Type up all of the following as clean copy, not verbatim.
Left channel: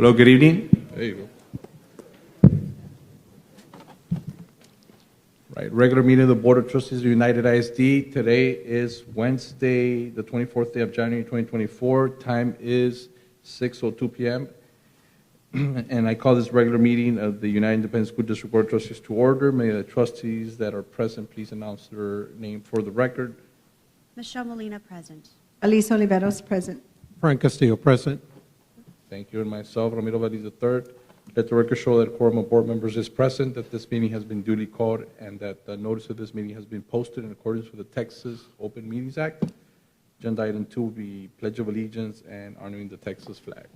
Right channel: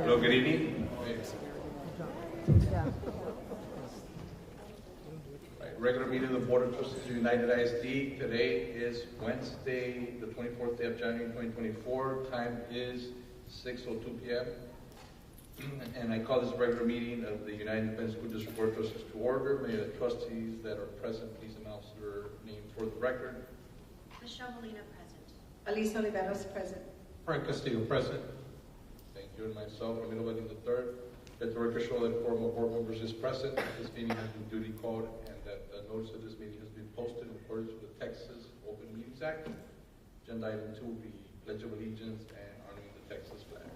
Hello, good evening. Hey. Right, regular meeting of the Board of Trustees of United ISD. Today is Wednesday, the 24th day of January, 2024. Time is 6:02 p.m. And I call this regular meeting of the United Independent School District Board of Trustees to order. May the trustees that are present please announce their name for the record. Michelle Molina, present. Alicia Oliveros, present. Frank Castillo, present. Thank you, and myself, Ramiro Valdez III. Let the record show that a quorum of board members is present, that this meeting has been duly called, and that the notice of this meeting has been posted in accordance with the Texas Open Meetings Act. Agenda item 2 will be Pledge of Allegiance and honoring the Texas flag.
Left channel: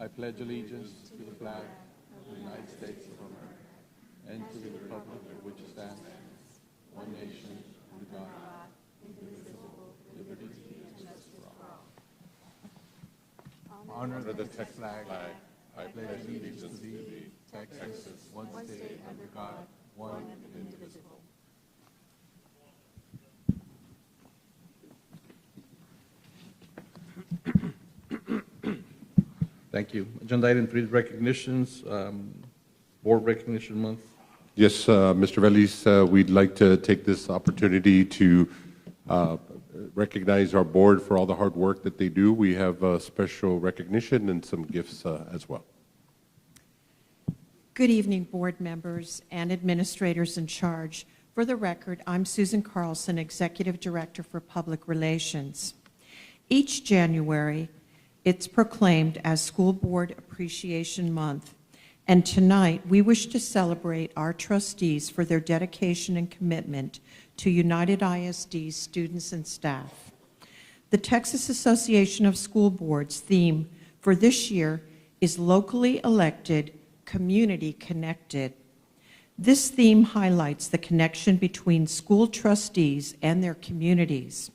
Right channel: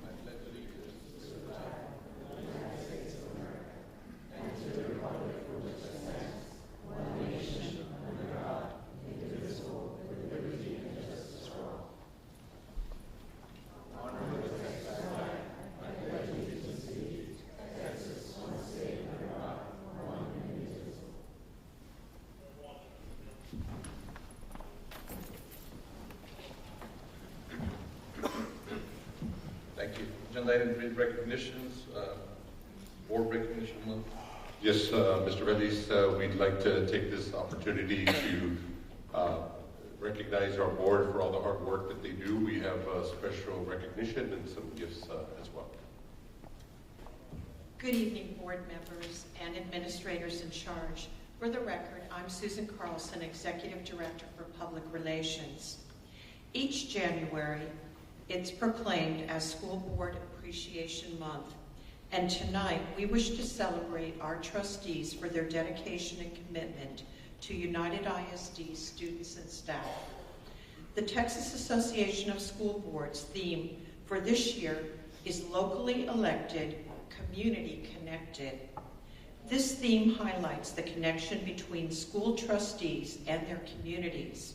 I pledge allegiance to the flag of the United States of America and to the republic which stands one nation under God, indivisible, with liberty and justice for all. Honor to the Texas flag. I pledge allegiance to Texas, one state under God, one indivisible. Thank you. Agenda item 3 is recognitions, board recognition month. Yes, Mr. Valdez, we'd like to take this opportunity to recognize our board for all the hard work that they do. We have a special recognition and some gifts as well. Good evening, board members and administrators in charge. For the record, I'm Susan Carlson, Executive Director for Public Relations. Each January, it's proclaimed as School Board Appreciation Month, and tonight we wish to celebrate our trustees for their dedication and commitment to United ISD students and staff. The Texas Association of School Boards theme for this year is Locally Elected, Community Connected. This theme highlights the connection between school trustees and their communities.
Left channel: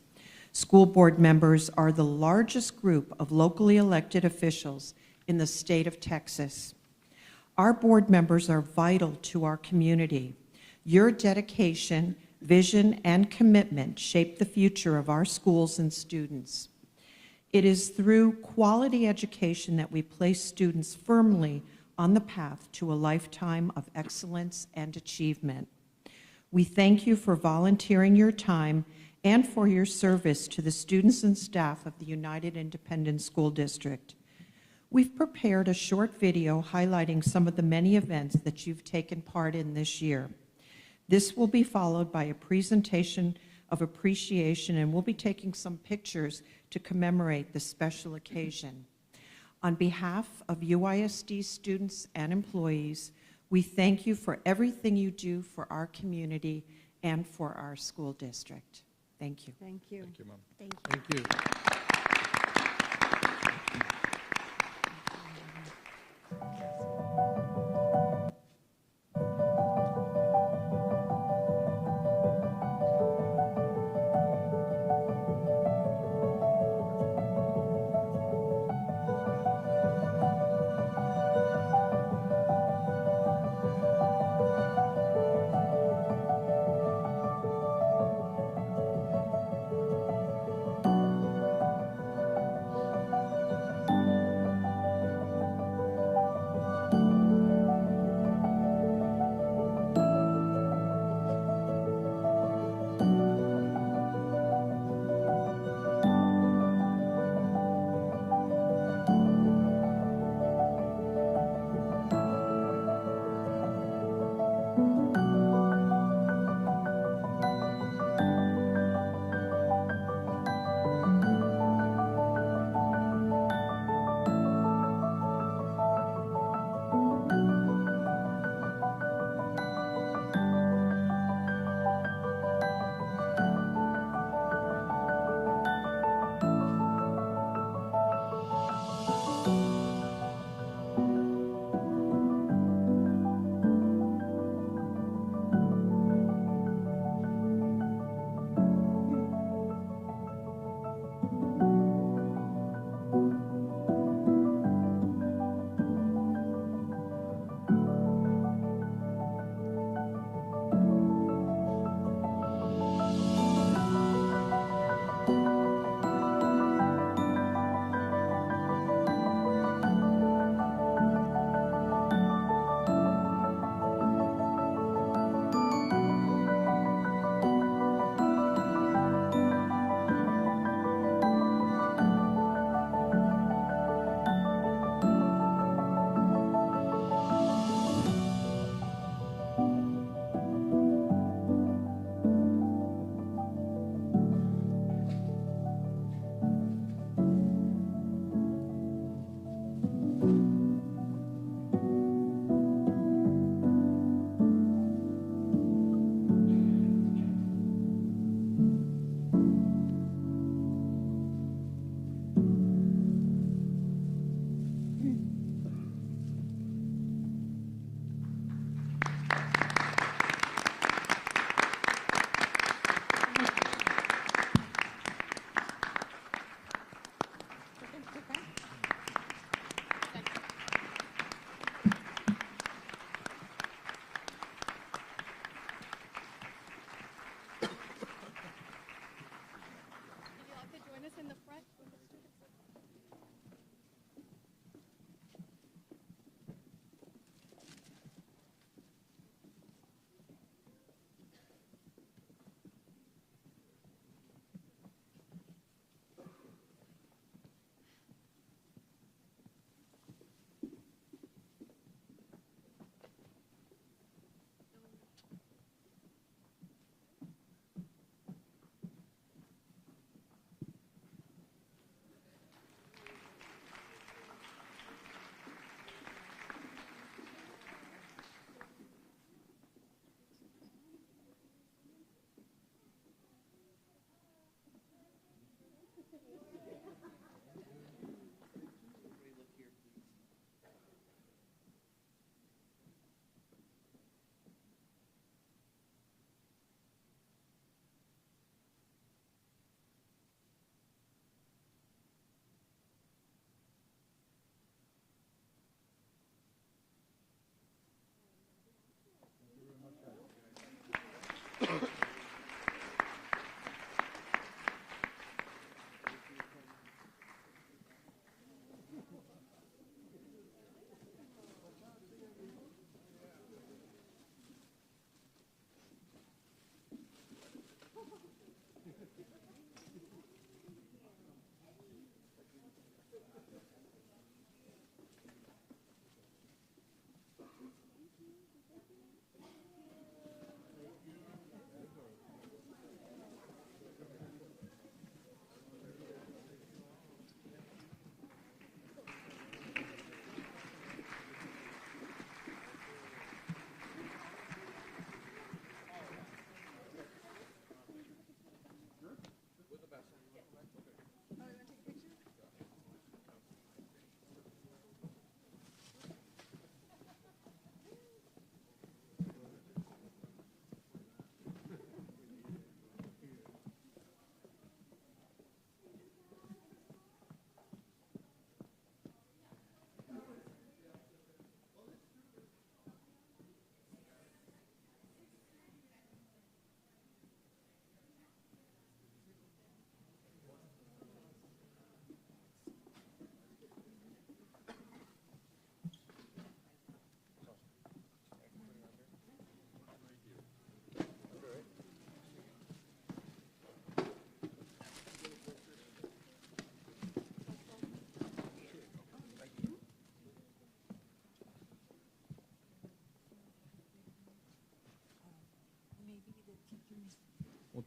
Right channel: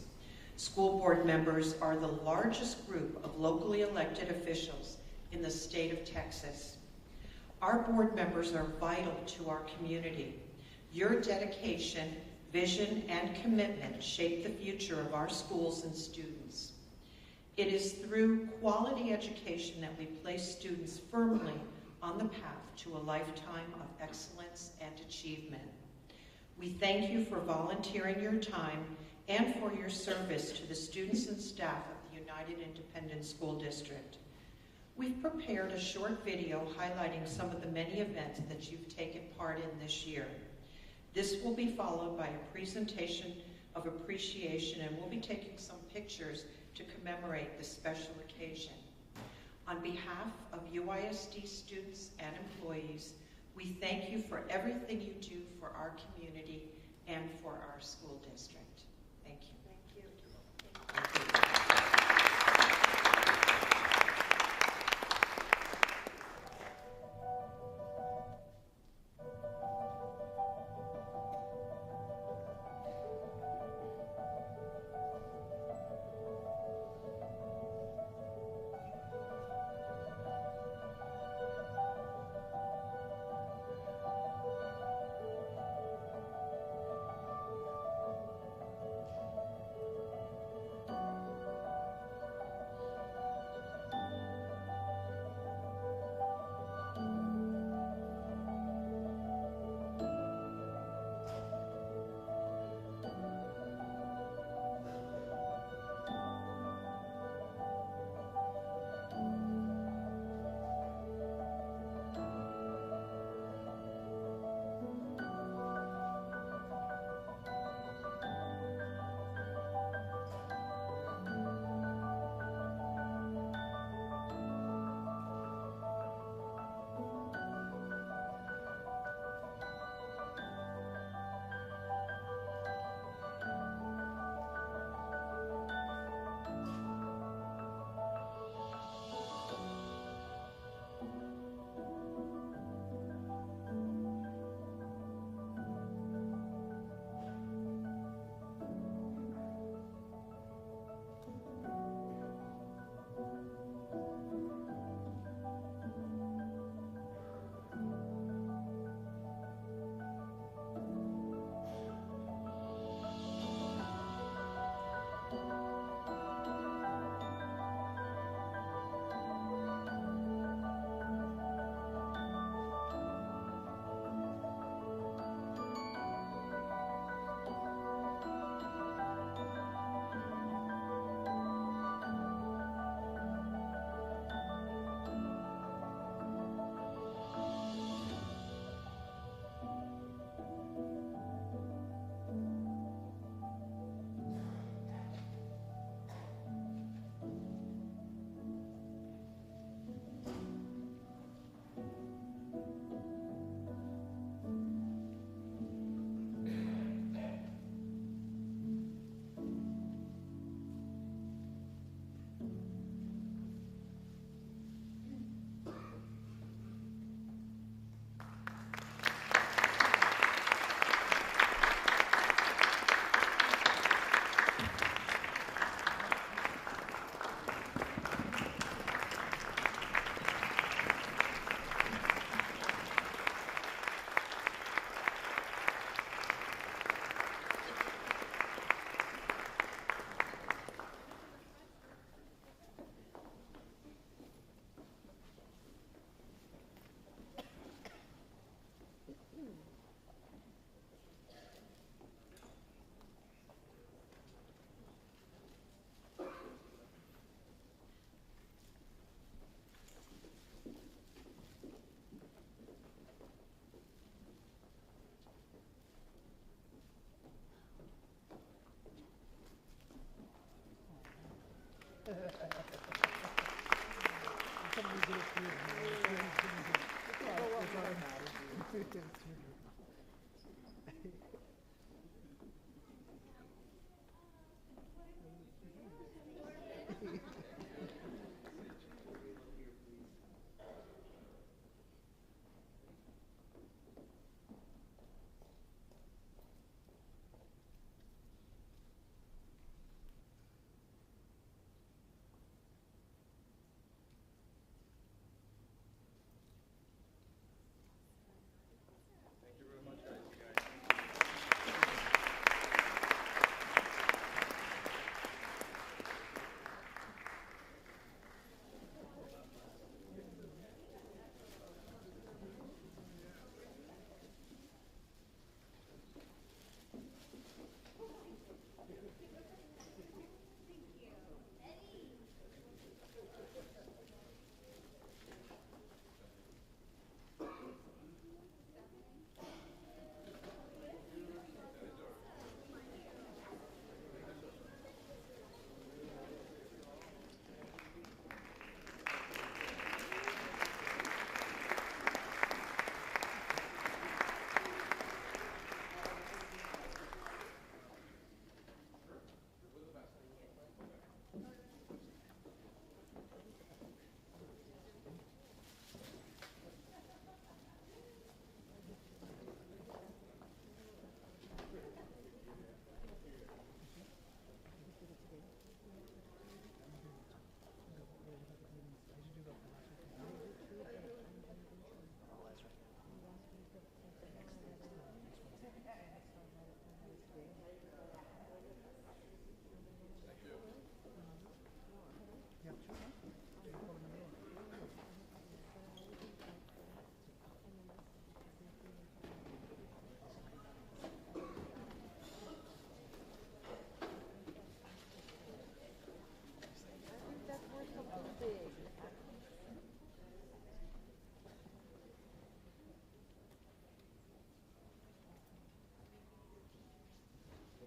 School board members are the largest group of locally elected officials in the state of Texas. Our board members are vital to our community. Your dedication, vision, and commitment shape the future of our schools and students. It is through quality education that we place students firmly on the path to a lifetime of excellence and achievement. We thank you for volunteering your time and for your service to the students and staff of the United Independent School District. We've prepared a short video highlighting some of the many events that you've taken part in this year. This will be followed by a presentation of appreciation, and we'll be taking some pictures to commemorate this special occasion. On behalf of UISD students and employees, we thank you for everything you do for our community and for our school district. Thank you. Thank you. Thank you. Thank you.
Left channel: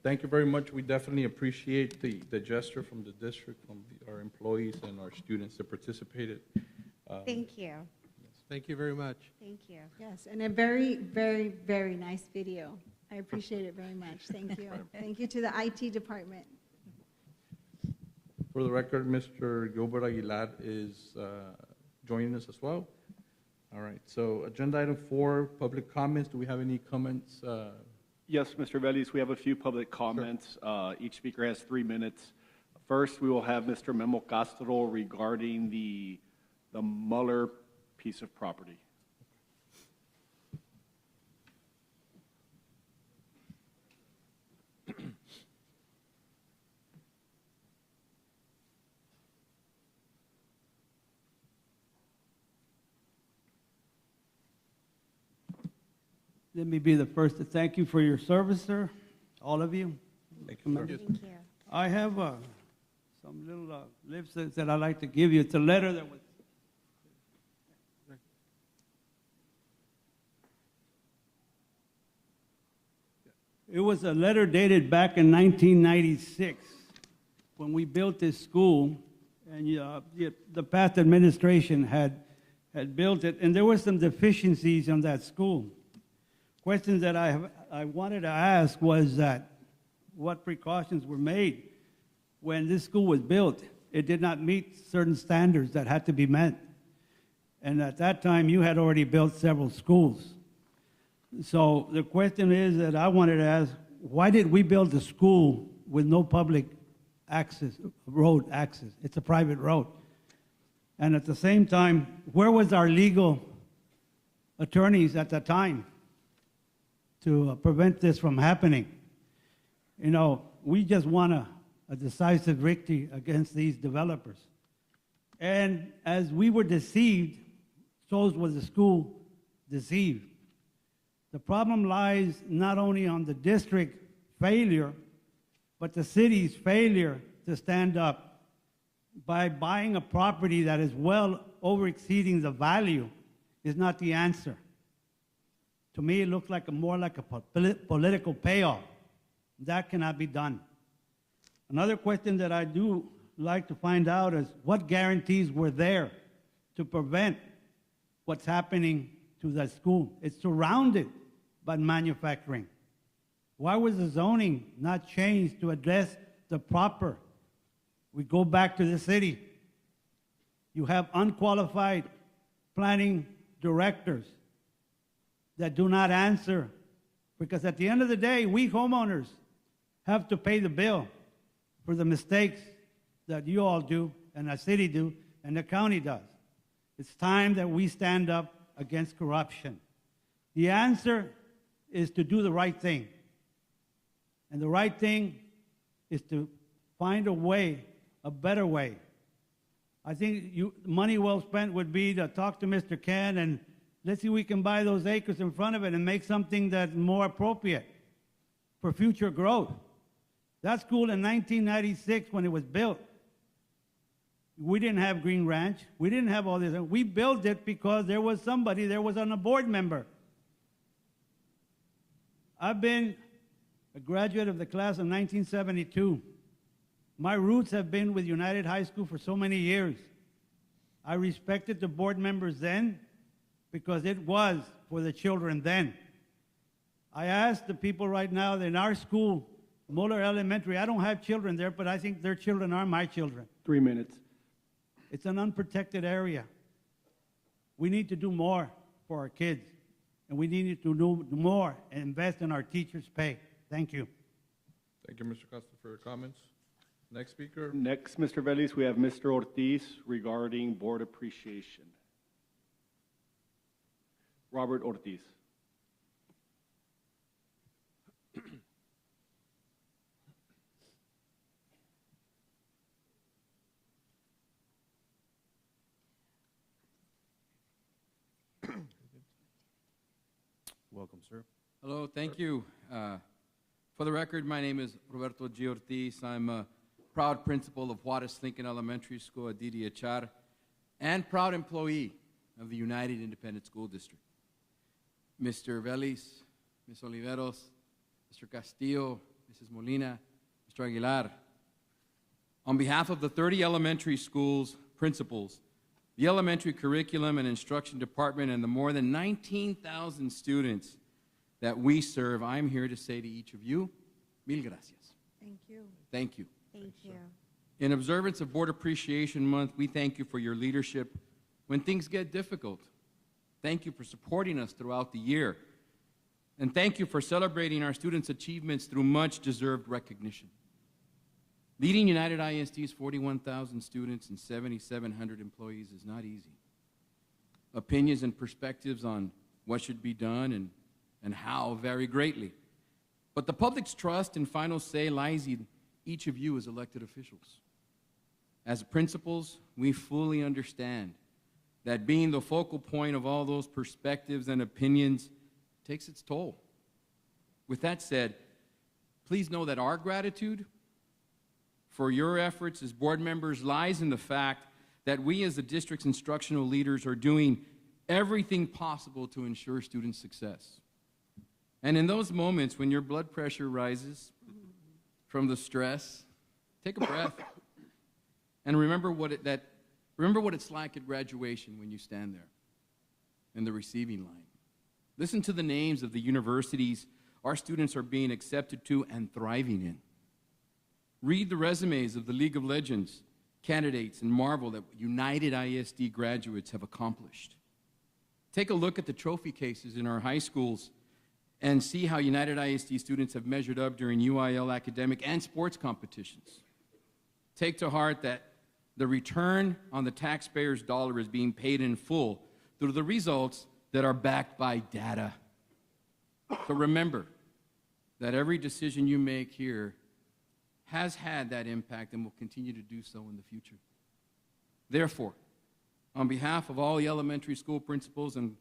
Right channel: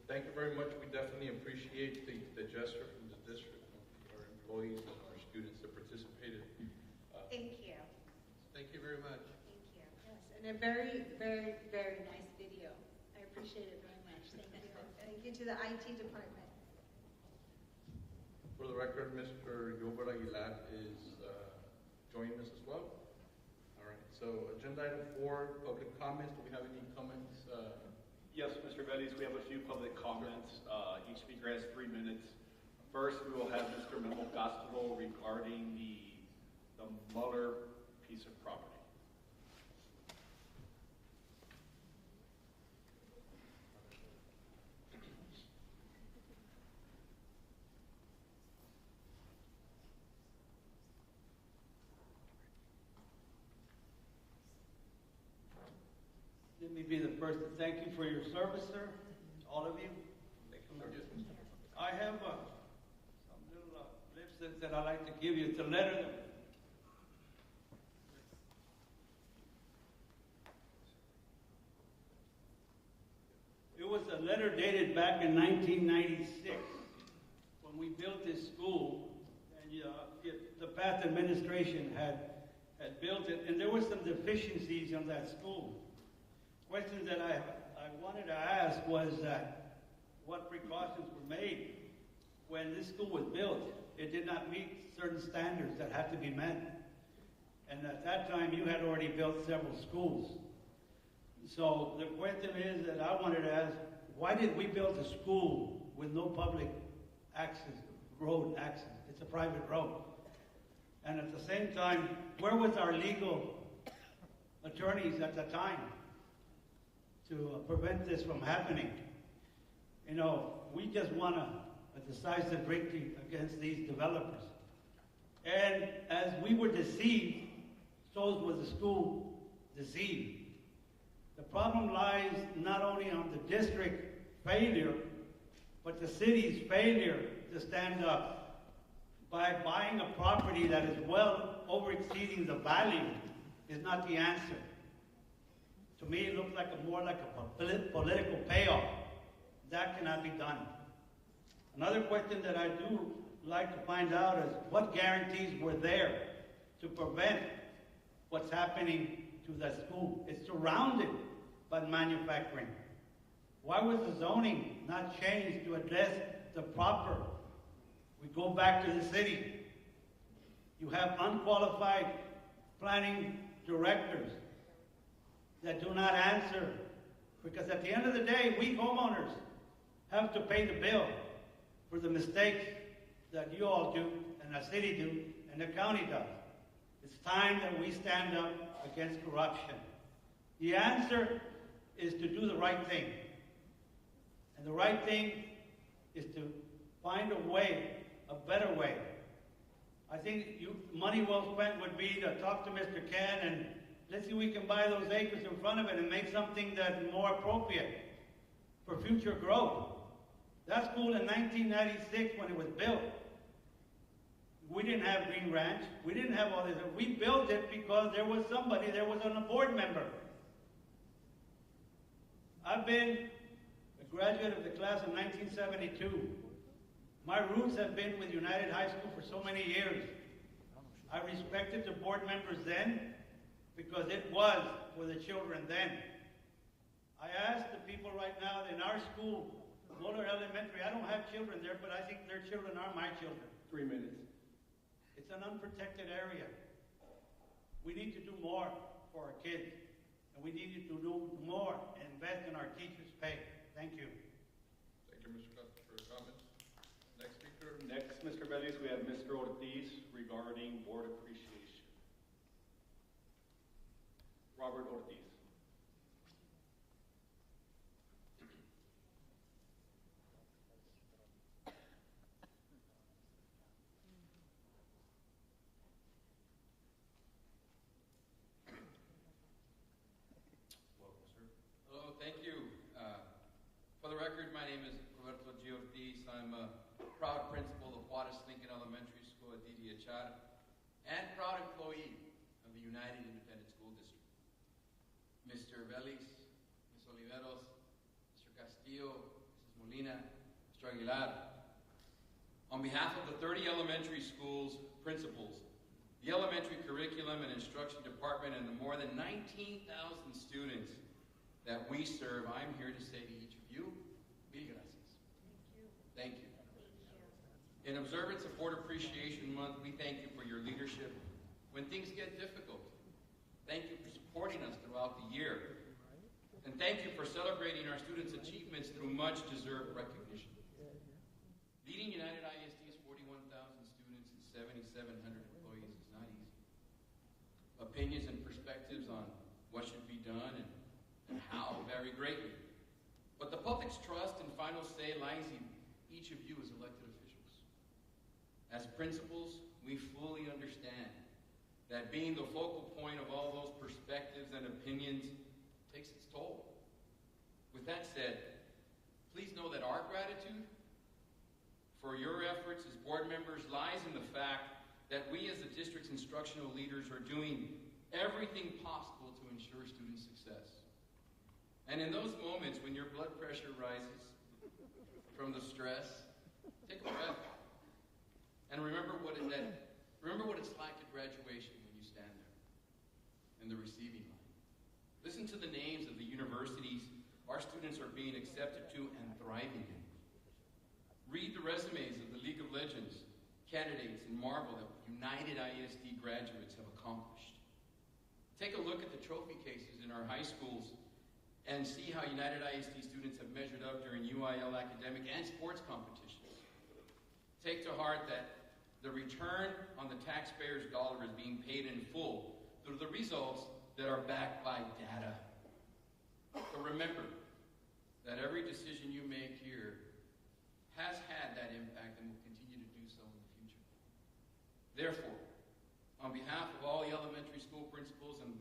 thank you very much. We definitely appreciate the gesture from the district, from our employees and our students that participated. Thank you. Thank you very much. Thank you. Yes, and a very, very, very nice video. I appreciate it very much. Thank you. Thank you to the IT department. For the record, Mr. Gilbert Aguilar is joining us as well. All right, so agenda item 4, public comments. Do we have any comments? Yes, Mr. Vélez, we have a few public comments. Each speaker has 3 minutes. First, we will have Mr. Memo Castro regarding the Muller piece of property. Let me be the first to thank you for your service, sir, all of you. Thank you, sir. Thank you. I have some little leaflets that I'd like to give you. It's a letter that was... It was a letter dated back in 1996 when we built this school, and the past administration had built it, and there were some deficiencies in that school. Questions that I wanted to ask was that what precautions were made when this school was built. It did not meet certain standards that had to be met. And at that time, you had already built several schools. So the question is that I wanted to ask, why did we build the school with no public access, road access? It's a private road. And at the same time, where was our legal attorneys at the time to prevent this from happening? You know, we just want a decisive victory against these developers. And as we were deceived, so was the school deceived. The problem lies not only on the district failure, but the city's failure to stand up by buying a property that is well over exceeding the value is not the answer. To me, it looks like more like a political payoff. That cannot be done. Another question that I do like to find out is what guarantees were there to prevent what's happening to that school? It's surrounded by manufacturing. Why was the zoning not changed to address the proper? We go back to the city. You have unqualified planning directors that do not answer, because at the end of the day, we homeowners have to pay the bill for the mistakes that you all do, and the city do, and the county does. It's time that we stand up against corruption. The answer is to do the right thing. And the right thing is to find a way, a better way. I think money well spent would be to talk to Mr. Ken and let's see if we can buy those acres in front of it and make something that's more appropriate for future growth. That school in 1996, when it was built, we didn't have Green Ranch. We didn't have all this. We built it because there was a board member. I've been a graduate of the class of 1972. My roots have been with United High School for so many years. I respected the board members then because it was for the children then. I ask the people right now that in our school, Muller Elementary, I don't have children there, but I think their children are my children. 3 minutes. It's an unprotected area. We need to do more for our kids, and we need to do more and invest in our teachers' pay. Thank you. Thank you, Mr. Costa, for your comments. Next speaker. Next, Mr. Vélez, we have Mr. Ortiz regarding board appreciation. Robert Ortiz. Welcome, sir. Hello, thank you. For the record, my name is Roberto G. Ortiz. I'm a proud principal of Juarez Lincoln Elementary School at DDHR and proud employee of the United Independent School District. Mr. Vélez, Ms. Oliveros, Mr. Castillo, Mrs. Mrs. Molina, Mr. Aguilar. On behalf of the 30 elementary schools principals, the elementary curriculum and instruction department, and the more than 19,000 students that we serve, I'm here to say to each of you, mil gracias. Thank you. Thank you. Thank you. In observance of Board Appreciation Month, we thank you for your leadership when things get difficult. Thank you for supporting us throughout the year. And thank you for celebrating our students' achievements through much deserved recognition. Leading United ISD's 41,000 students and 7,700 employees is not easy. Opinions and perspectives on what should be done and how vary greatly. But the public's trust and final say lies in each of you as elected officials. As principals, we fully understand that being the focal point of all those perspectives and opinions takes its toll. With that said, please know that our gratitude for your efforts as board members lies in the fact that we as the district's instructional leaders are doing everything possible to ensure student success. And in those moments when your blood pressure rises from the stress, take a breath and remember what it's like at graduation when you stand there in the receiving line. Listen to the names of the universities our students are being accepted to and thriving in. Read the resumes of the League of Legends candidates and marvel at what United ISD graduates have accomplished. Take a look at the trophy cases in our high schools and see how United ISD students have measured up during UIL academic and sports competitions. Take to heart that the return on the taxpayer's dollar is being paid in full through the results that are backed by data. So remember that every decision you make here has had that impact and will continue to do so in the future. Therefore, on behalf of all the elementary school principals and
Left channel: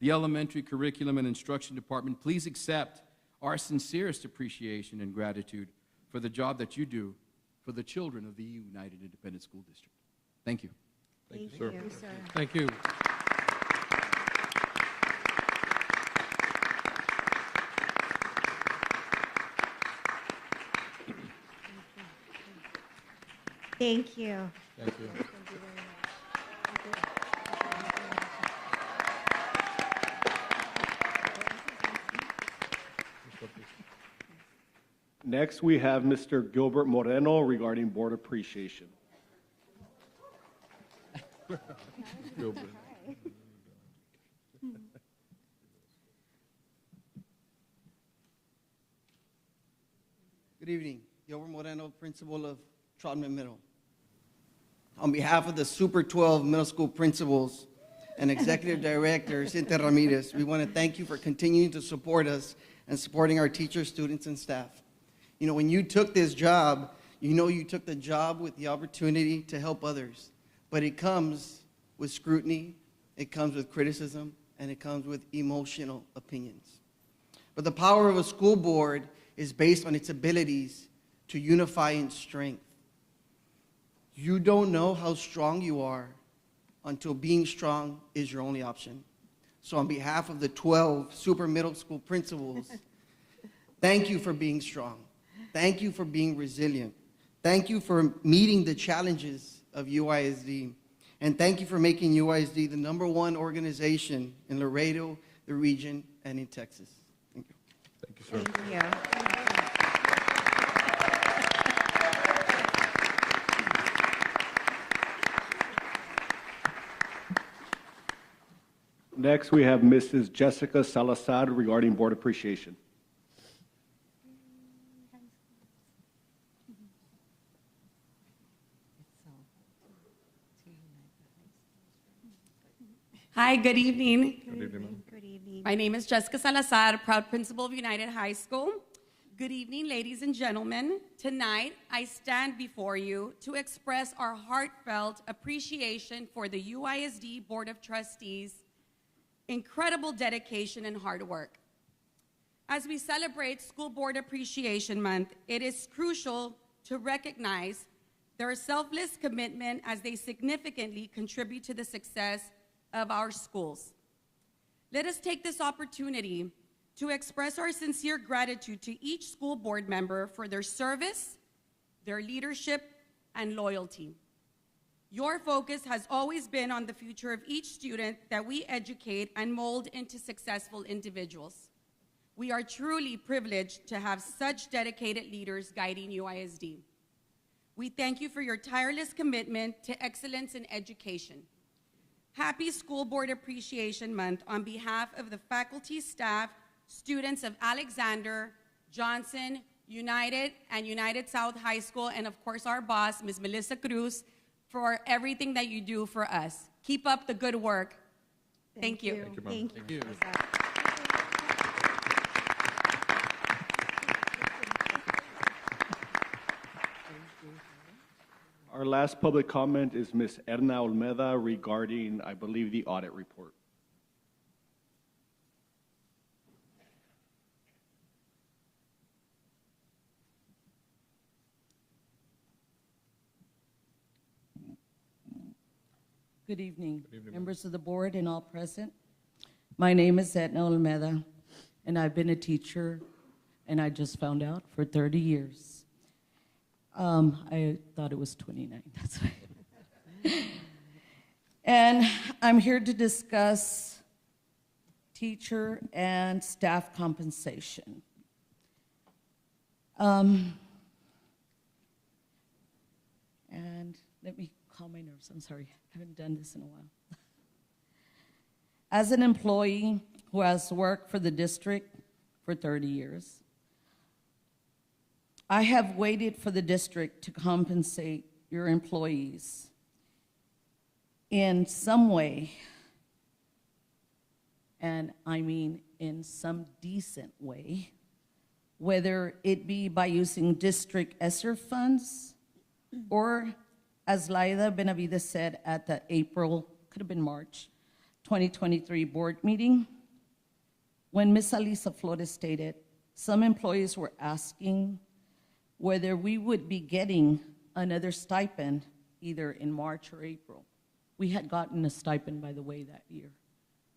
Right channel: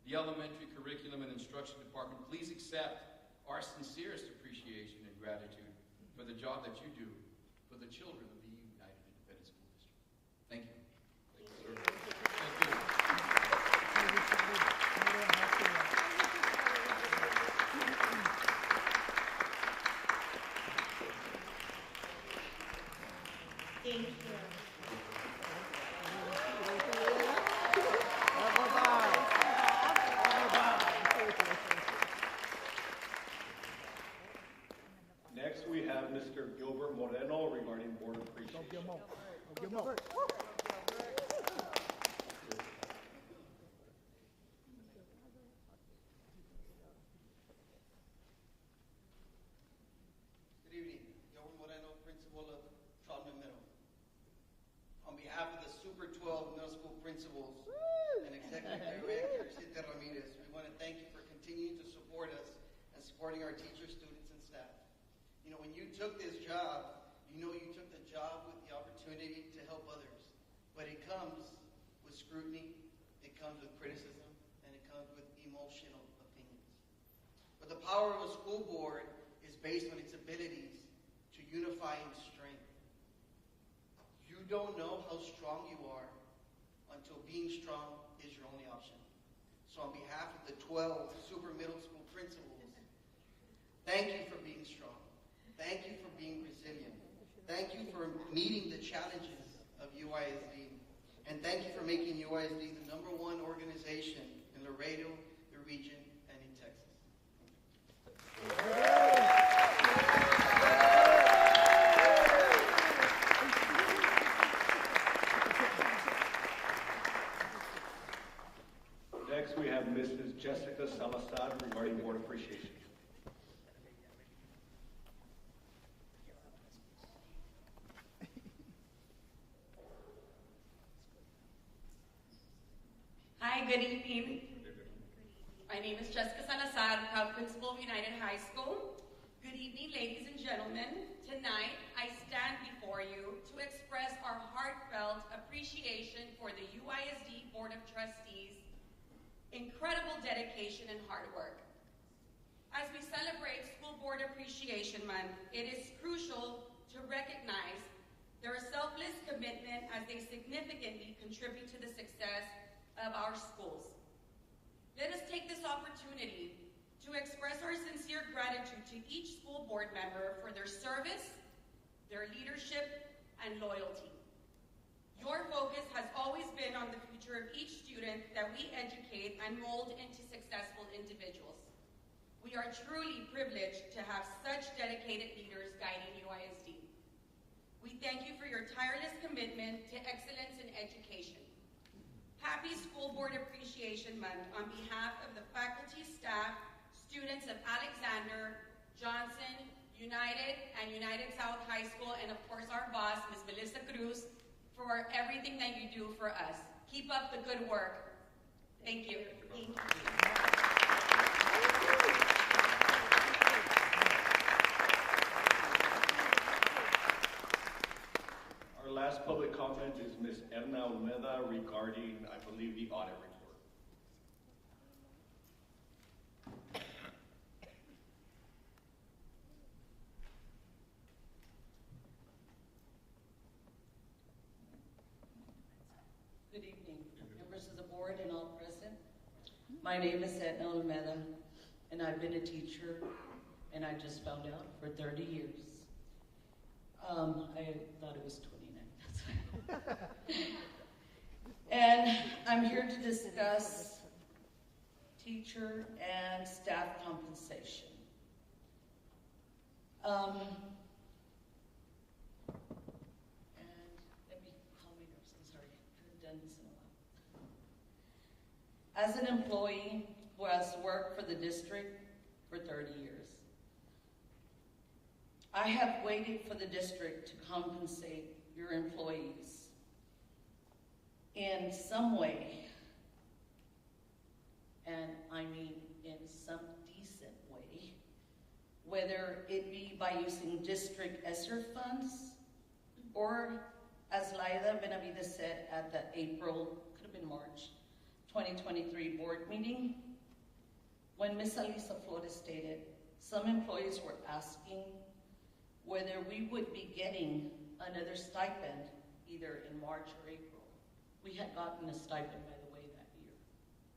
the elementary curriculum and instruction department, please accept our sincerest appreciation and gratitude for the job that you do for the children of the United Independent School District. Thank you. Thank you, you, sir. sir. Thank you. Thank you. Thank you. Next, we have Mr. Gilbert Moreno regarding board appreciation. Good evening. Gilbert Moreno, principal of Trotman Middle. On behalf of the Super 12 middle school principals and executive director, Cynthia Ramirez, we want to thank you for continuing to support us and supporting our teachers, students, and staff. You know, when you took this job, you know you took the job with the opportunity to help others. But it comes with scrutiny, it comes with criticism, and it comes with emotional opinions. But the power of a school board is based on its abilities to unify in strength. You don't know how strong you are until being strong is your only option. So on behalf of the 12 super middle school principals, thank you for being strong. Thank you for being resilient. Thank you for meeting the challenges of UISD. And thank you for making UISD the #1 organization in Laredo, the region, and in Texas. Thank you. Thank you, sir. Thank you. Next, we have Mrs. Jessica Salazar regarding board appreciation. Hi, good evening. Good evening. Good evening. My name is Jessica Salazar, proud principal of United High School. Good evening, ladies and gentlemen. Tonight, I stand before you to express our heartfelt appreciation for the UISD Board of Trustees' incredible dedication and hard work. As we celebrate School Board Appreciation Month, it is crucial to recognize their selfless commitment as they significantly contribute to the success of our schools. Let us take this opportunity to express our sincere gratitude to each school board member for their service, their leadership, and loyalty. Your focus has always been on the future of each student that we educate and mold into successful individuals. We are truly privileged to have such dedicated leaders guiding UISD. We thank you for your tireless commitment to excellence in education. Happy School Board Appreciation Month on behalf of the faculty, staff, students of Alexander, Johnson, United, and United South High School, and of course our boss, Ms. Melissa Cruz, for everything that you do for us. Keep up the good work. Thank you. Thank you. Our last public comment is Ms. Edna Olmeda regarding, I believe, the audit report. Good evening, members of the board and all present. My name is Edna Olmeda, and I've been a teacher, and I just found out, for 30 years. I thought it was 29, that's right. And I'm here to discuss teacher and staff compensation. And let me calm my nerves, I'm sorry. I haven't done this in a while. As an employee who has worked for the district for 30 years, I have waited for the district to compensate your employees in some way, and I mean in some decent way, whether it be by using district ESSER funds or, as Laida Benavides said at the April, could have been March, 2023 board meeting, when Ms. Alisa Flores stated some employees were asking whether we would be getting another stipend either in March or April. We had gotten a stipend, by the way, that year,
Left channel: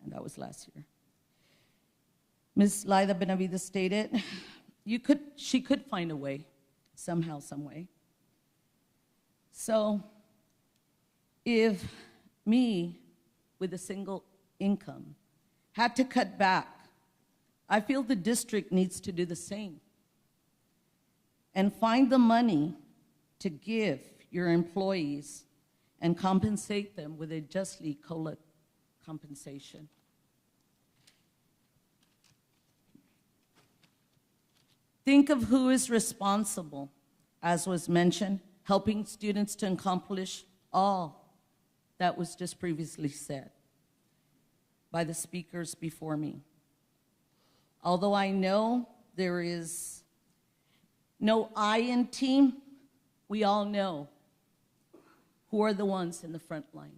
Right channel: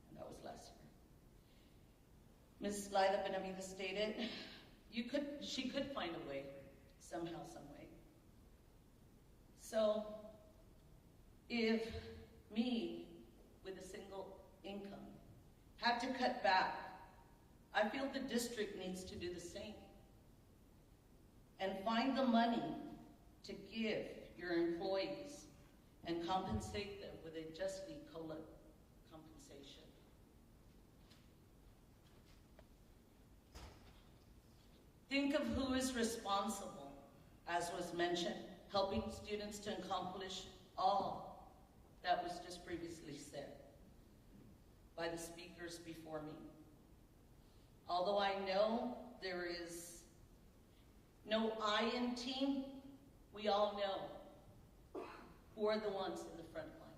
and that was last year. Ms. Laida Benavides stated she could find a way, somehow, some way. So if me, with a single income, had to cut back, I feel the district needs to do the same and find the money to give your employees and compensate them with a justly COLA compensation. Think of who is responsible, as was mentioned, helping students to accomplish all that was just previously said by the speakers before me. Although I know there is no I in team, we all know who are the ones in the front lines.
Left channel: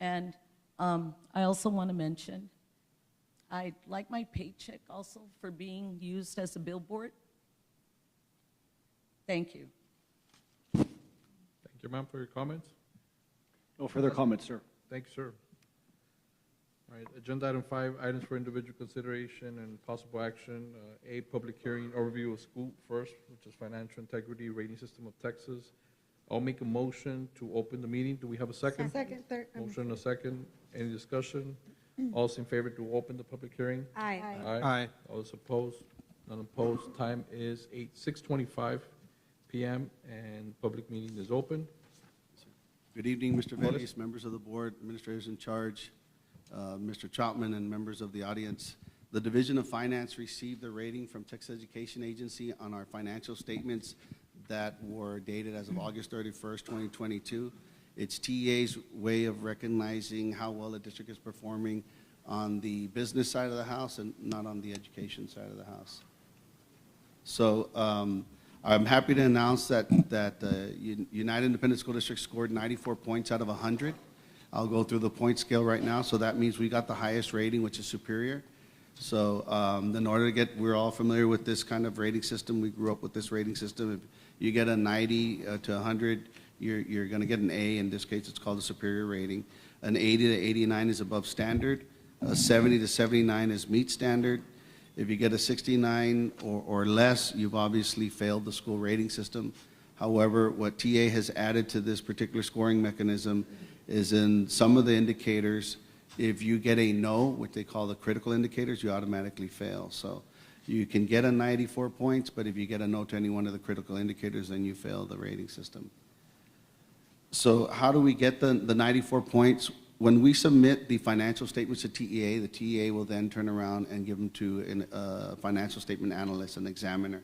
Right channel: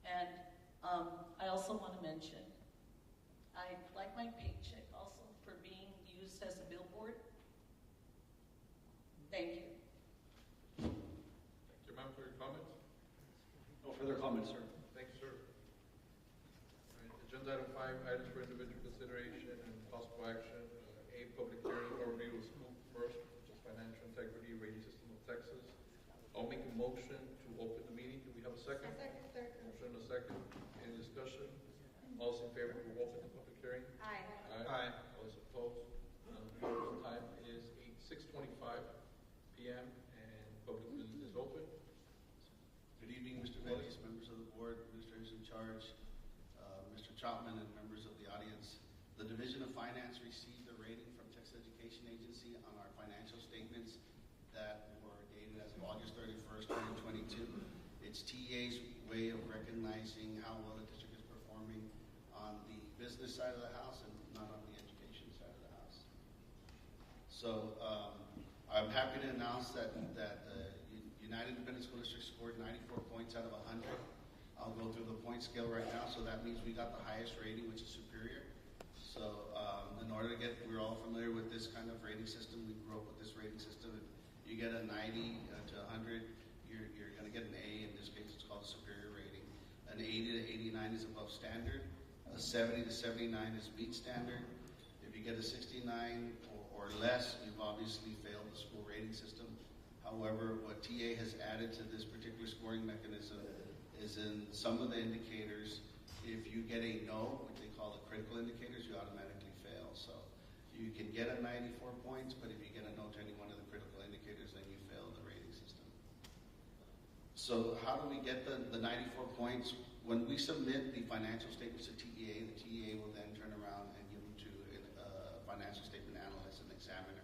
And I also want to mention, I'd like my paycheck also for being used as a billboard. Thank you. Thank you, ma'am, for your comments. No further comments, sir. Thanks, sir. All right, agenda item 5, items for individual consideration and possible action. A, public hearing overview of school first, which is financial integrity rating system of Texas. I'll make a motion to open the meeting. Do we have a second? Second, third. Motion and a second. Any discussion? All those in favor to open the public hearing? Aye. Aye. All those opposed? None opposed. Time is 6:25 p.m. and public meeting is open. Good evening, Mr. Vélez, members of the board, administrators in charge, Mr. Troutman, and members of the audience. The Division of Finance received a rating from Texas Education Agency on our financial statements that were dated as of August 31st, 2022. It's TEA's way of recognizing how well the district is performing on the business side of the house and not on the education side of the house. So I'm happy to announce that United Independent School District scored 94 points out of 100. I'll go through the point scale right now. So that means we got the highest rating, which is superior. So in order to get, we're all familiar with this kind of rating system. We grew up with this rating system. If you get a 90 to 100, you're going to get an A. In this case, it's called a superior rating. An 80 to 89 is above standard. A 70 to 79 is meet standard. If you get a 69 or less, you've obviously failed the school rating system. However, what TA has added to this particular scoring mechanism is in some of the indicators, if you get a no, which they call the critical indicators, you automatically fail. So you can get a 94 points, but if you get a no to any one of the critical indicators, then you fail the rating system. So how do we get the 94 points? When we submit the financial statements to TEA, the TEA will then turn around and give them to a financial statement analyst, an examiner.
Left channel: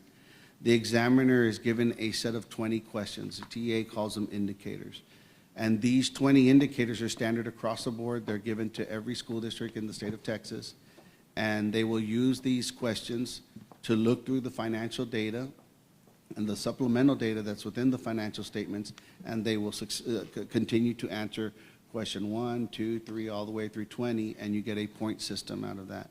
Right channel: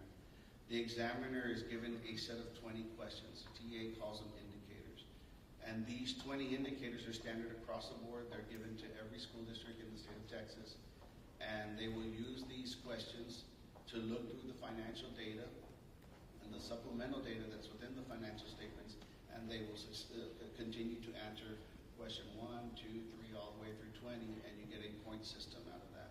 The examiner is given a set of 20 questions. The TEA calls them indicators. And these 20 indicators are standard across the board. They're given to every school district in the state of Texas. And they will use these questions to look through the financial data and the supplemental data that's within the financial statements, and they will continue to answer question 1, 2, 3, all the way through 20, and you get a point system out of that.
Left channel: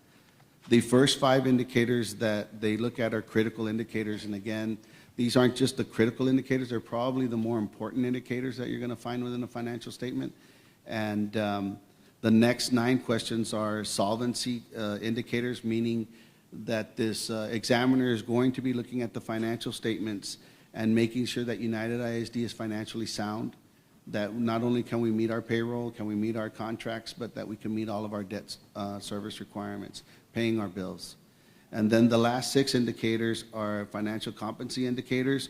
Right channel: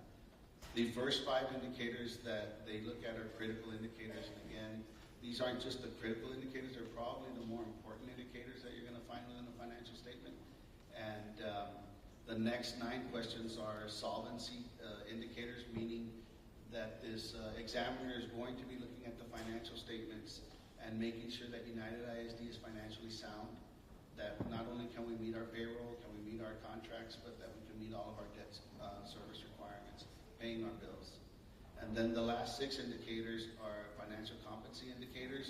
The first 5 indicators that they look at are critical indicators, and again, these aren't just the critical indicators, they're probably the more important indicators that you're gonna find within a financial statement. And the next 9 questions are solvency indicators, meaning that this examiner is going to be looking at the financial statements and making sure that United ISD is financially sound, that not only can we meet our payroll, can we meet our contracts, but that we can meet all of our debt service requirements, paying our bills. And then the last 6 indicators are financial competency indicators.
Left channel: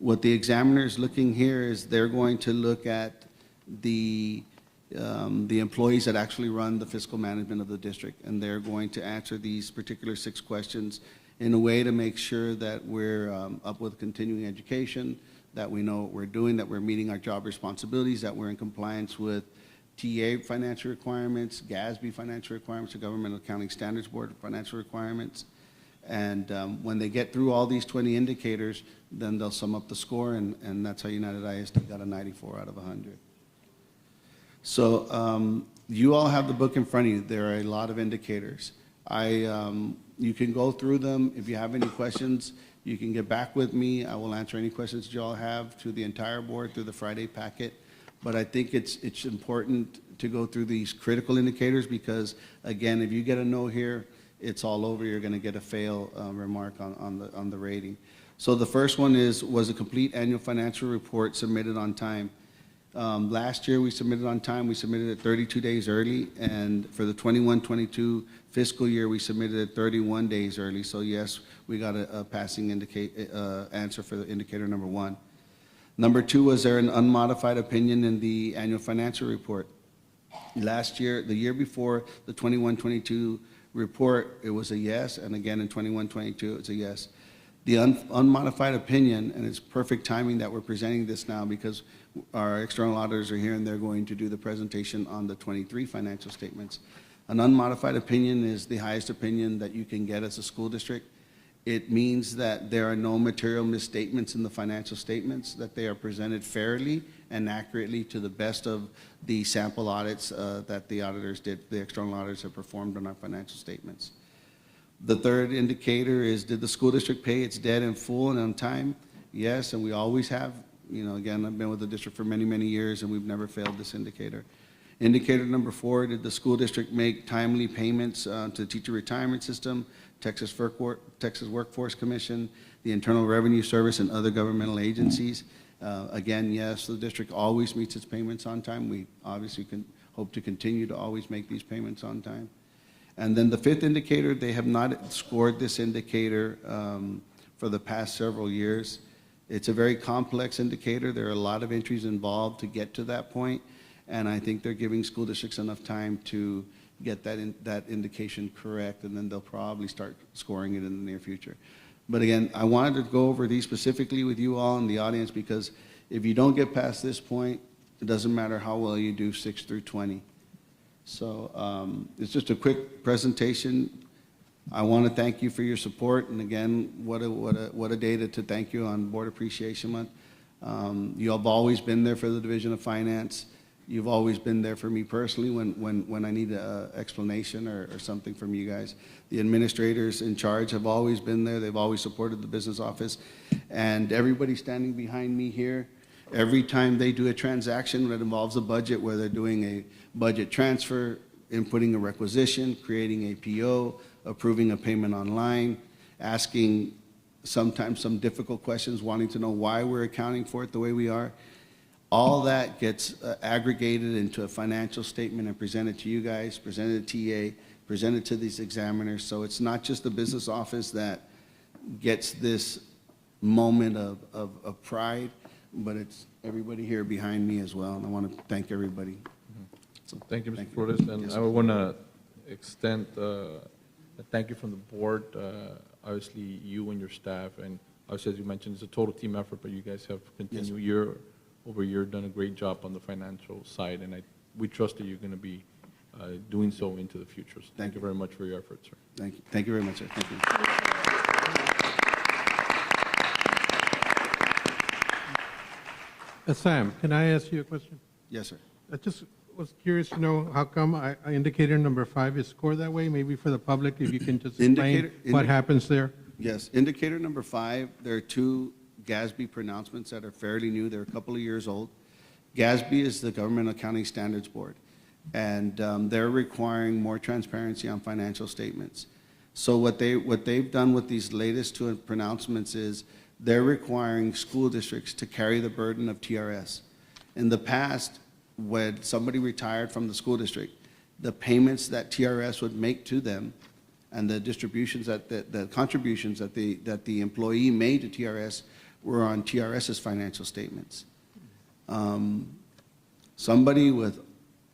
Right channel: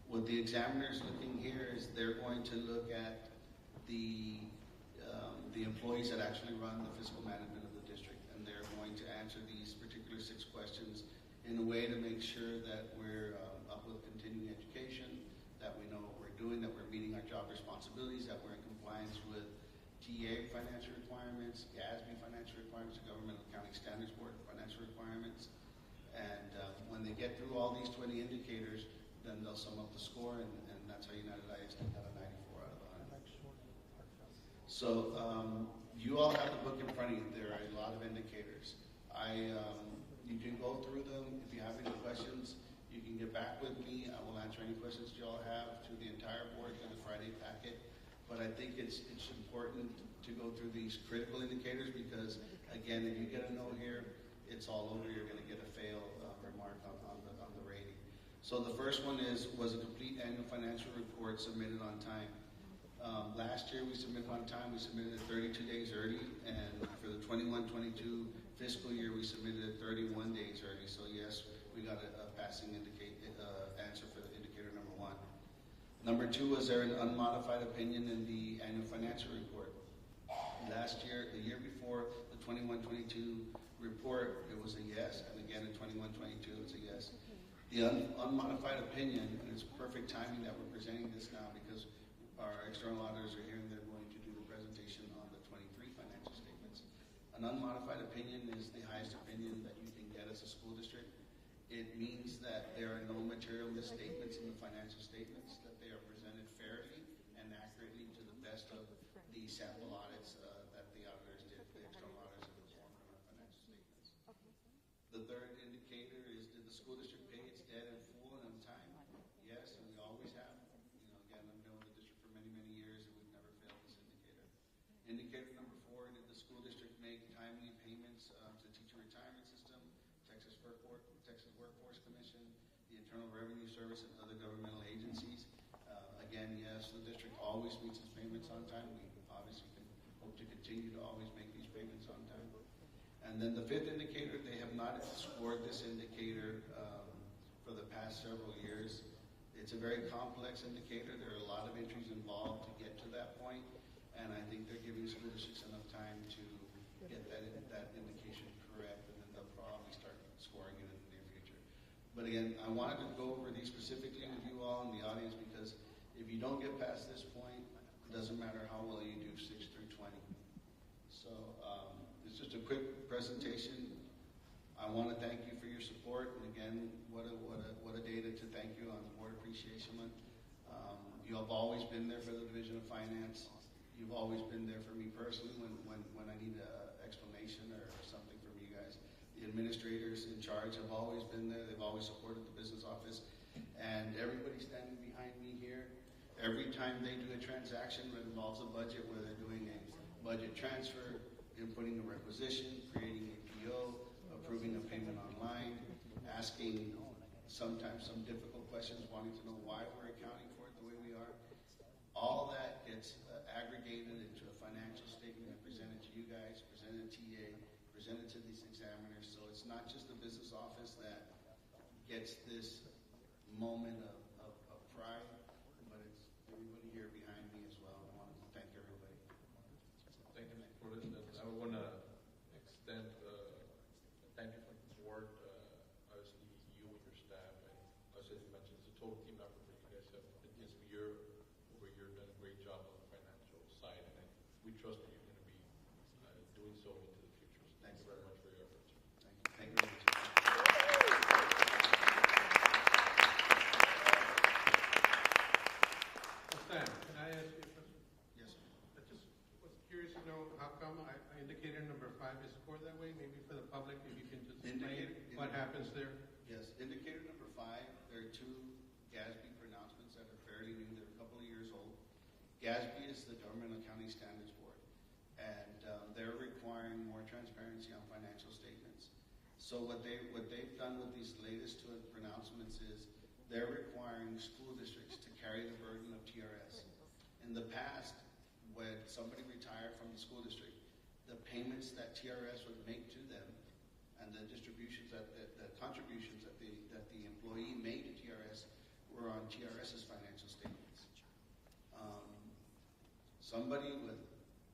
What the examiner is looking here is they're going to look at the employees that actually run the fiscal management of the district, and they're going to answer these particular 6 questions in a way to make sure that we're up with continuing education, that we know what we're doing, that we're meeting our job responsibilities, that we're in compliance with TA financial requirements, GASB financial requirements, the Government Accounting Standards Board financial requirements. And when they get through all these 20 indicators, then they'll sum up the score, and that's how United ISD got a 94 out of 100. So you all have the book in front of you. There are a lot of indicators. You can go through them. If you have any questions, you can get back with me. I will answer any questions you all have to the entire board through the Friday packet. But I think it's important to go through these critical indicators because, again, if you get a no here, it's all over. You're going to get a fail remark on the rating. So the first one was a complete annual financial report submitted on time. Last year we submitted on time. We submitted it 32 days early, and for the 21-22 fiscal year we submitted it 31 days early. So yes, we got a passing answer for the indicator number 1. Number 2, was there an unmodified opinion in the annual financial report? Last year, the year before the 21-22 report, it was a yes, and again in 21-22 it's a yes. The unmodified opinion, and it's perfect timing that we're presenting this now because our external auditors are here and they're going to do the presentation on the 23 financial statements. An unmodified opinion is the highest opinion that you can get as a school district. It means that there are no material misstatements in the financial statements, that they are presented fairly and accurately to the best of the sample audits that the auditors did, the external auditors have performed on our financial statements. The third indicator is, did the school district pay its debt in full and on time? Yes, and we always have. You know, again, I've been with the district for many, many years, and we've never failed this indicator. Indicator number 4, did the school district make timely payments to the teacher retirement system, Texas Workforce Commission, the Internal Revenue Service, and other governmental agencies? Again, yes, the district always meets its payments on time. We obviously can hope to continue to always make these payments on time. And then the 5th indicator, they have not scored this indicator for the past several years. It's a very complex indicator. There are a lot of entries involved to get to that point, and I think they're giving school districts enough time to get that indication correct, and then they'll probably start scoring it in the near future. But again, I wanted to go over these specifically with you all in the audience because if you don't get past this point, it doesn't matter how well you do 6 through 20. So it's just a quick presentation. I want to thank you for your support, and again, what a day to thank you on Board Appreciation Month. You have always been there for the Division of Finance. You've always been there for me personally when I need an explanation or something from you guys. The administrators in charge have always been there. They've always supported the business office, and everybody standing behind me here, every time they do a transaction that involves a budget, where they're doing a budget transfer, inputting a requisition, creating a PO, approving a payment online, asking sometimes some difficult questions, wanting to know why we're accounting for it the way we are. All that gets aggregated into a financial statement and presented to you guys, presented to TA, presented to these examiners. So it's not just the business office that gets this moment of pride, but it's everybody here behind me as well. And I want to thank everybody. So, Thank you, Mr. thank you. Flores, and Yes, I sir. want to extend a thank you from the board. Obviously, you and your staff, and obviously, as you mentioned, it's a total team effort, but you guys have continued year over year, done a great job on the financial side, and we trust that you're going to be doing so into the future. So thank you very much for your efforts, sir. Thank you. Thank you very much, sir. Thank you. Sam, can I ask you a question? Yes, sir. I just was curious to know how come indicator number 5 is scored that way? Maybe for the public, if you can just explain what happens there. Yes, indicator number 5, there are 2 GASB pronouncements that are fairly new. They're a couple of years old. GASB is the Government Accounting Standards Board, and they're requiring more transparency on financial statements. So what they've done with these latest 2 pronouncements is they're requiring school districts to carry the burden of TRS. In the past, when somebody retired from the school district, the payments that TRS would make to them and the distributions the contributions that the employee made to TRS were on TRS's financial statements. Somebody with